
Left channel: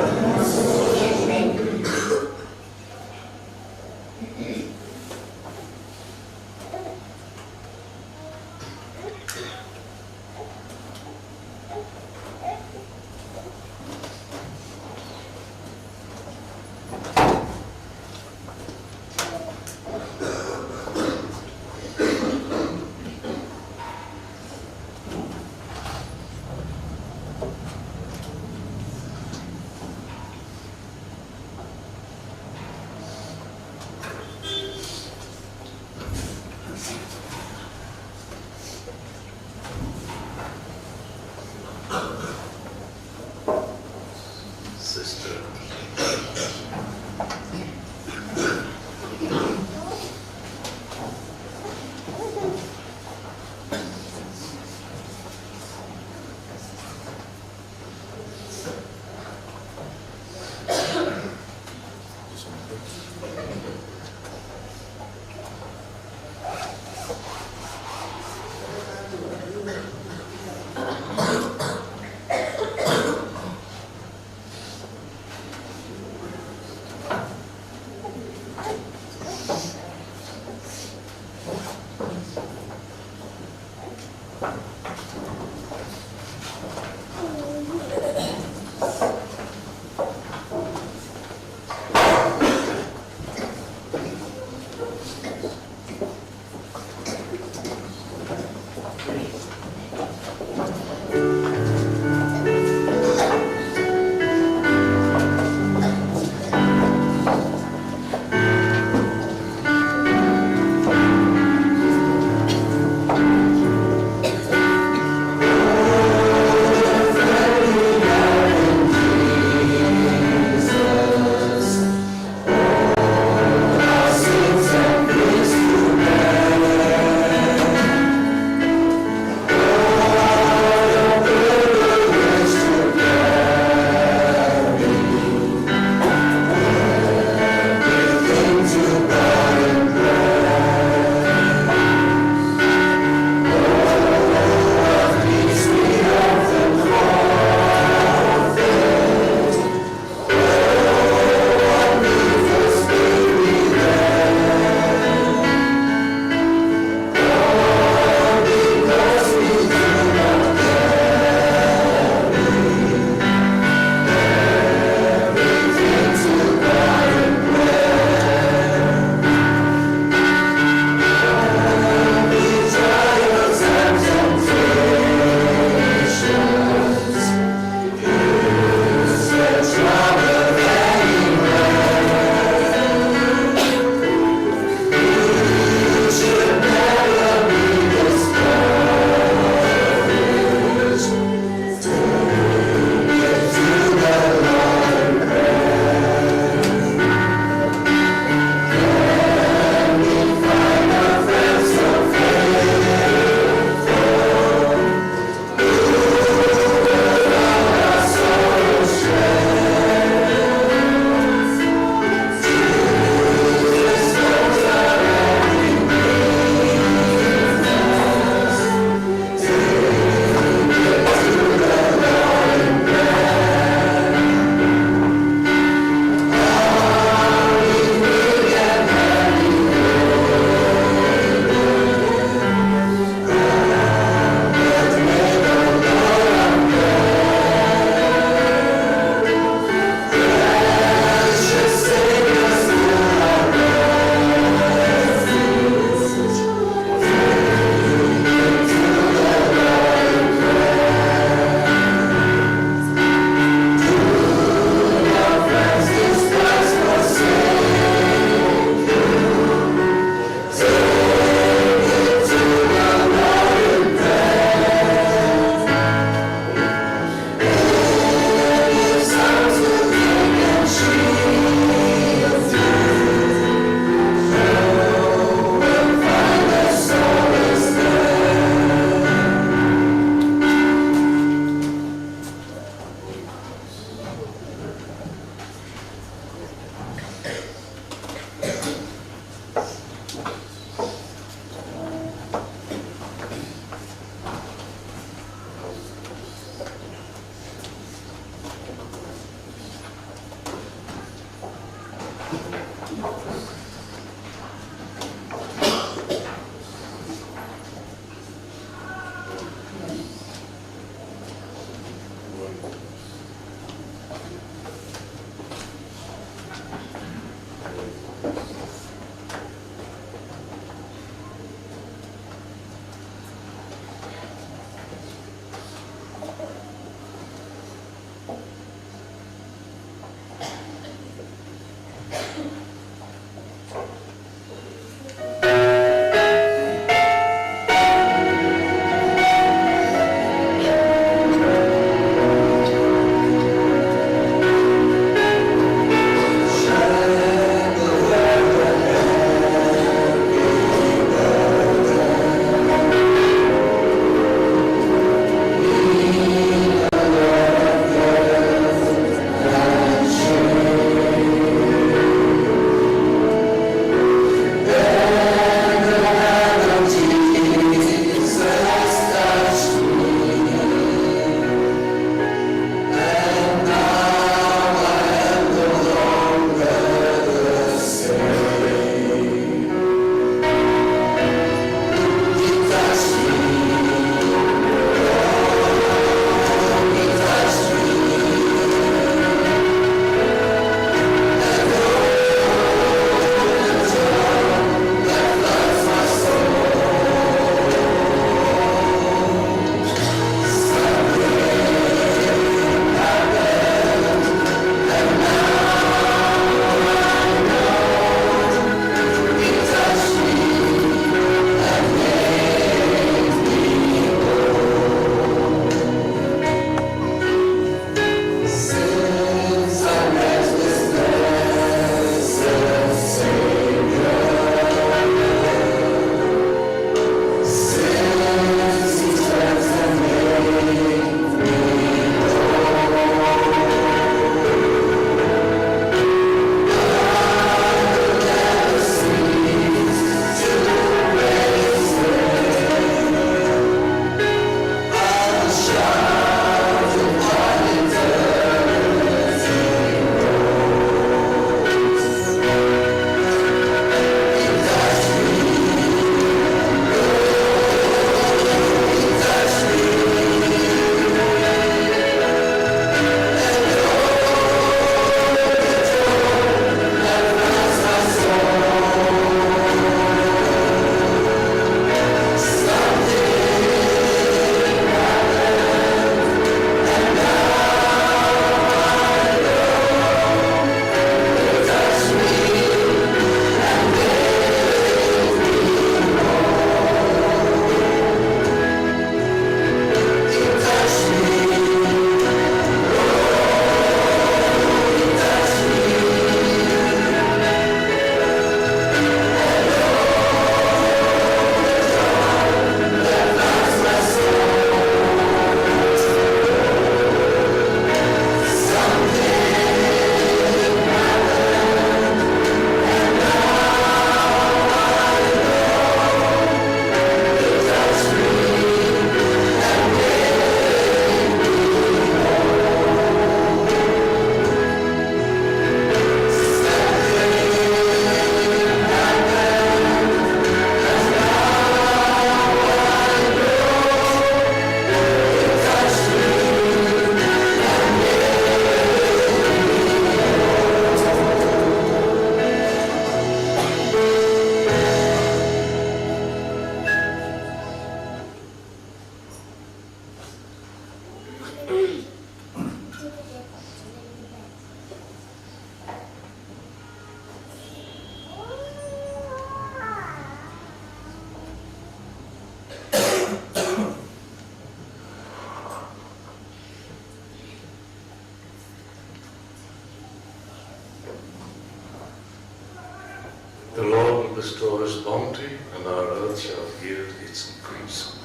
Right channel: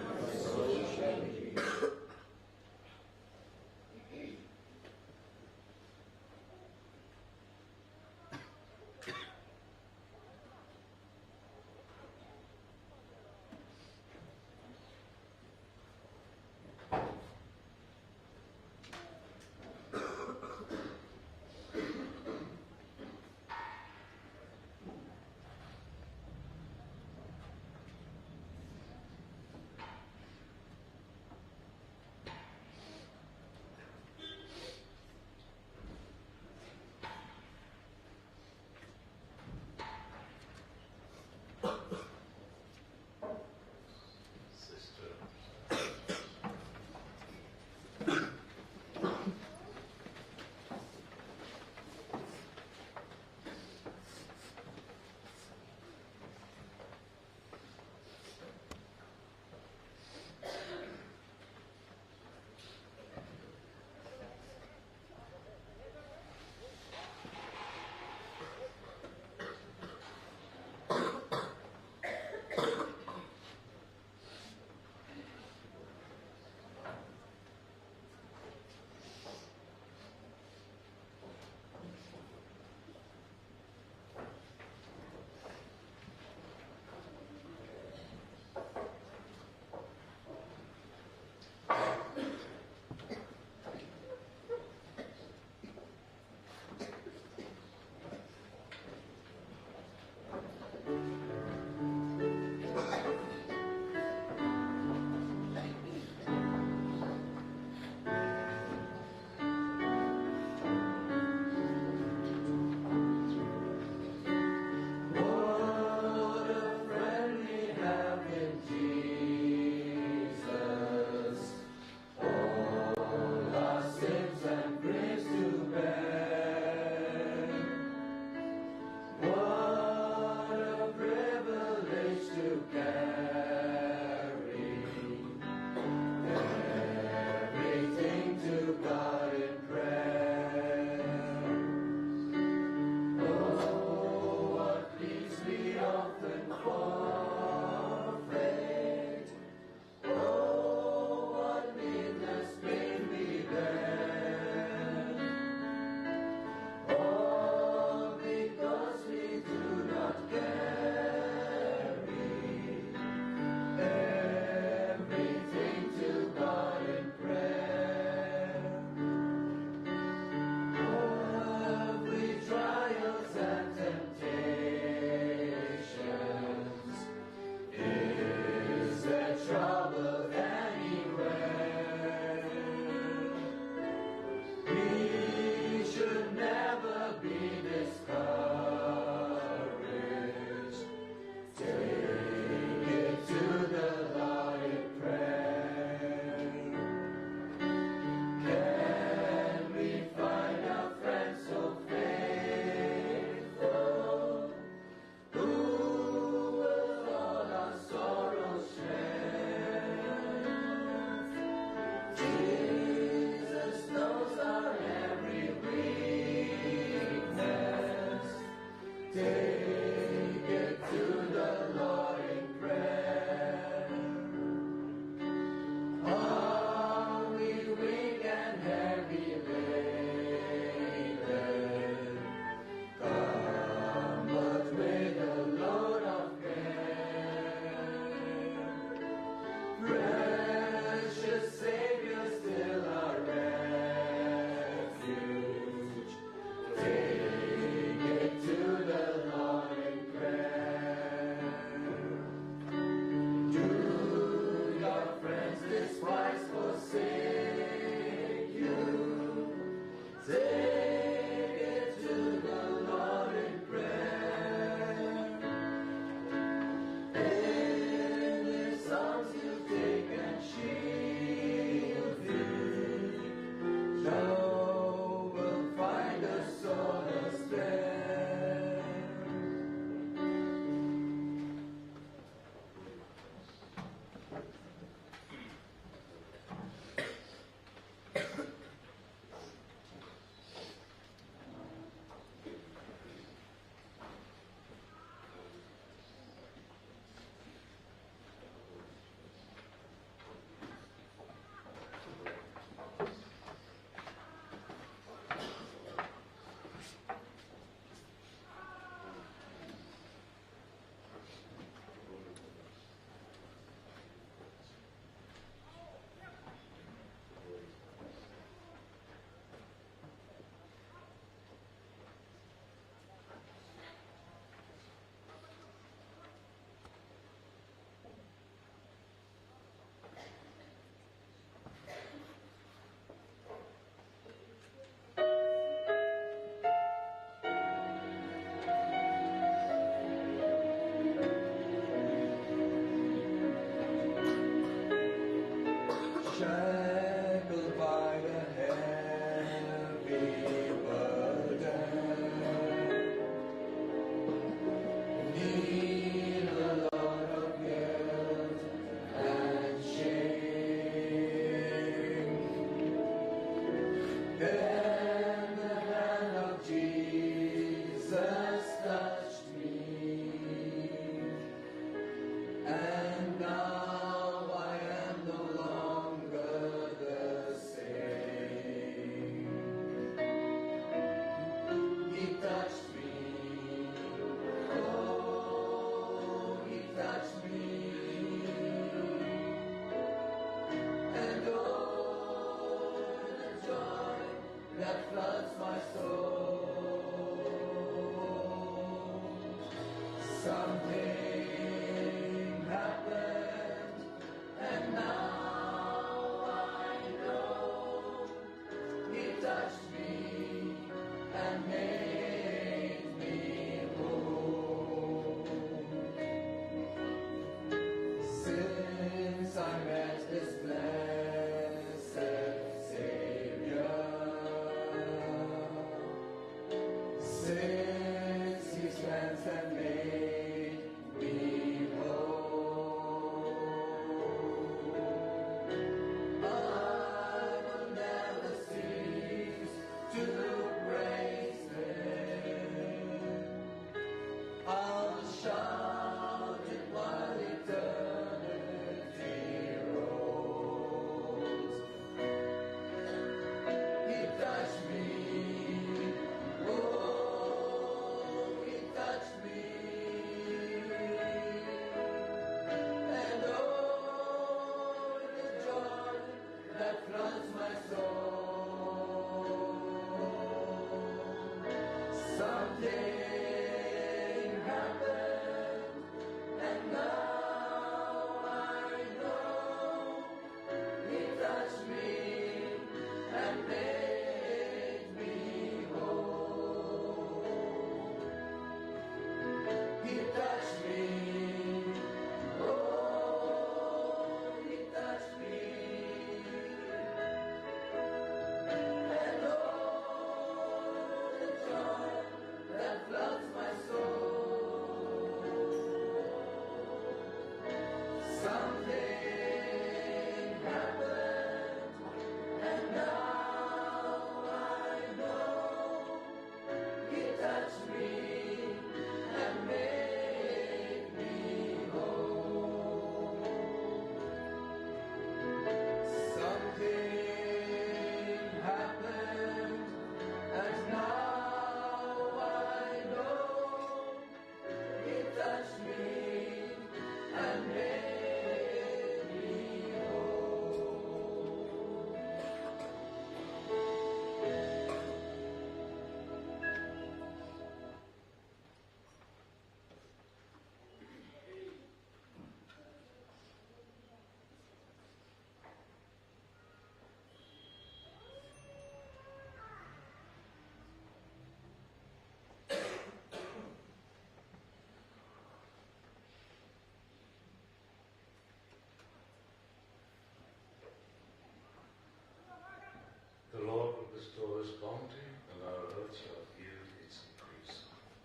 bestow His bounty, and our earth shall yield its increase.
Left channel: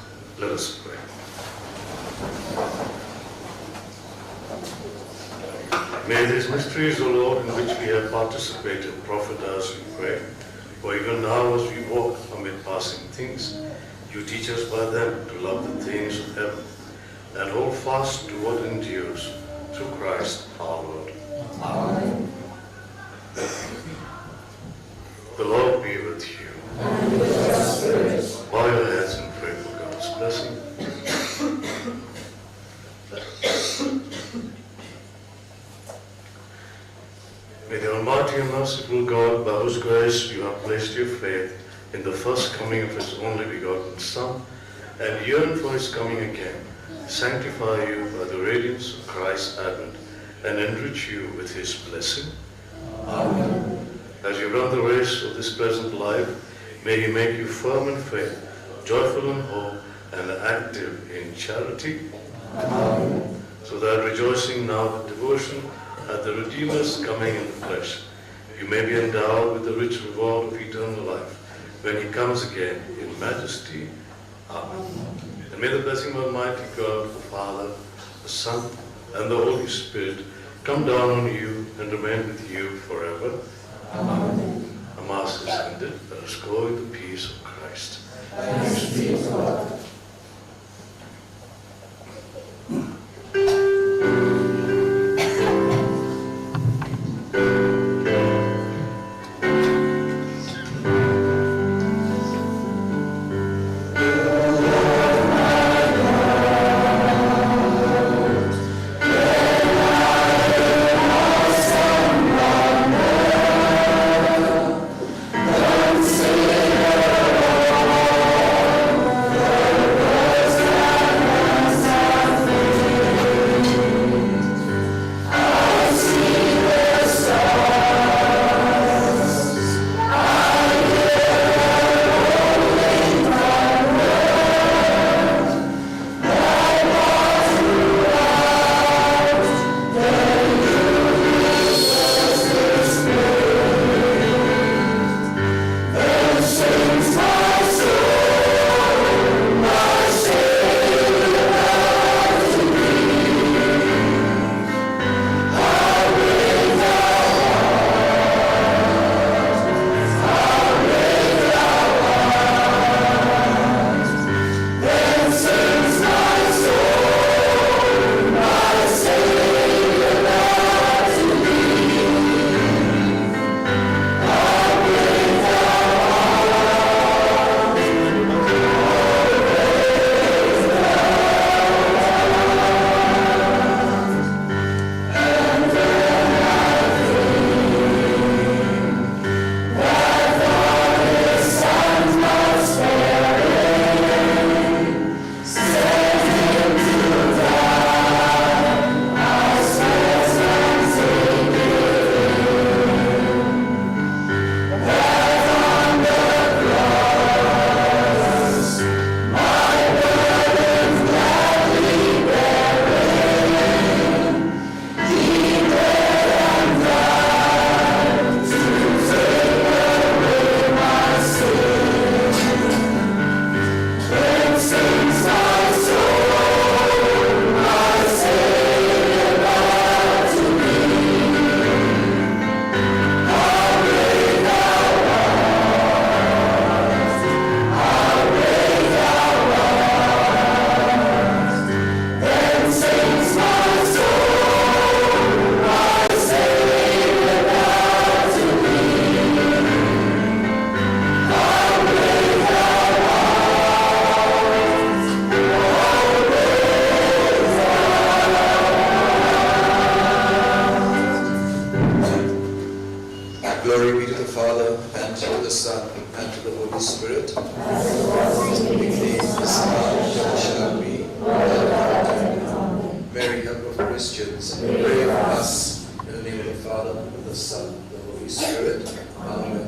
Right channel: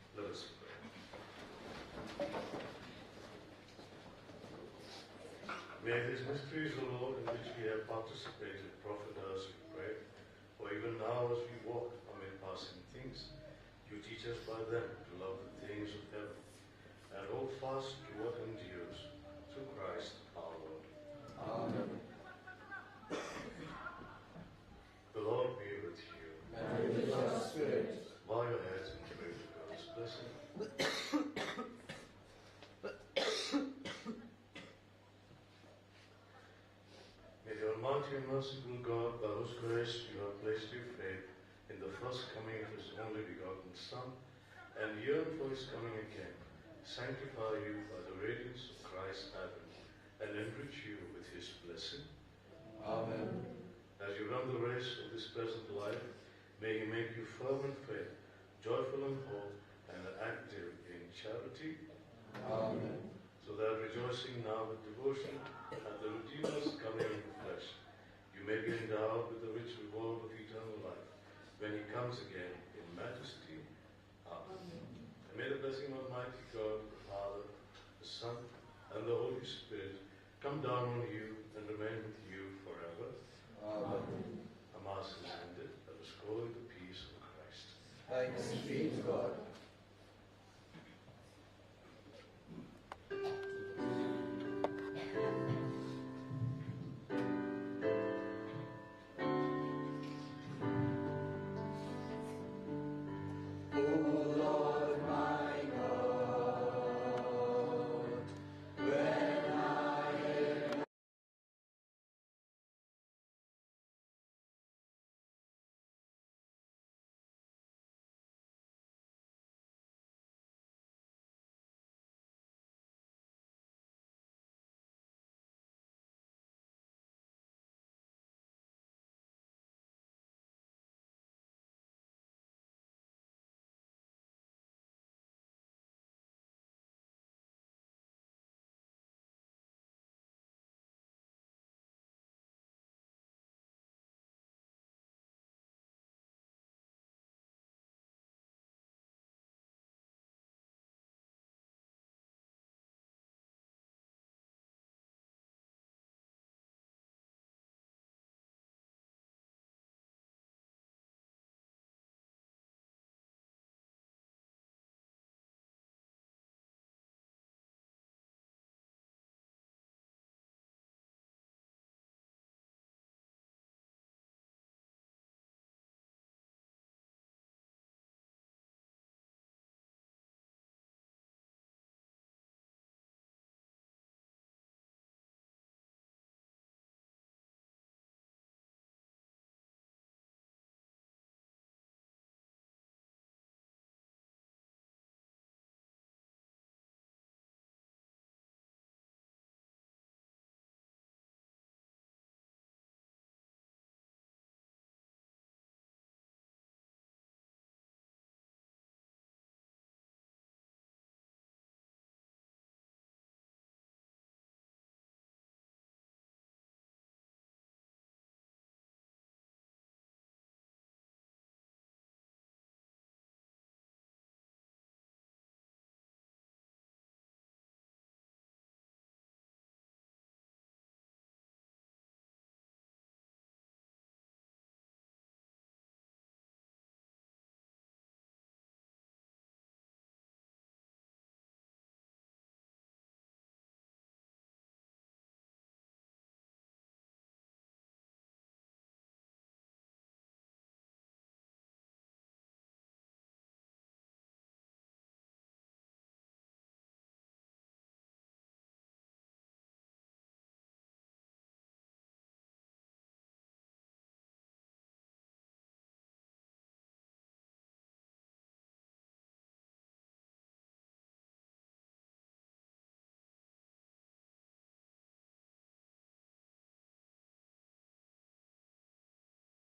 Let us pray. May these mysteries, O Lord, in which we have participated, profit us, we pray. For even now, as we walk amid passing things, you teach us by them to love the things of heaven and hold fast to what endures, through Christ our Lord. Amen. The Lord be with you. And with your spirit. Bow your heads and pray for God's blessing. May the Almighty and merciful God, by whose grace you have placed your faith in the first coming of His only begotten Son, and yearn for His coming again, sanctify you by the radiance of Christ's advent, and enrich you with His blessing. Amen. As you run the race of this present life, may He make you firm in faith, joyful in hope, and active in charity, Amen. so that rejoicing now with devotion at the Redeemer's coming in the flesh, you may be endowed with the rich reward of eternal life when He comes again in majesty. Amen. And may the blessing of Almighty God, the Father, the Son, and the Holy Spirit come down on you and remain with you forever. Amen. The Mass is ended. Let us go in the peace of Christ. Thanks be to God. Glory be to the Father, and to the Son, and to the Holy Spirit. As it was in the beginning, Is now, and ever shall be. world without end. Amen. Mary, help of Christians, Pray pray for for us. us. In the name of the Father, and of the Son, and of the Holy Spirit. Amen.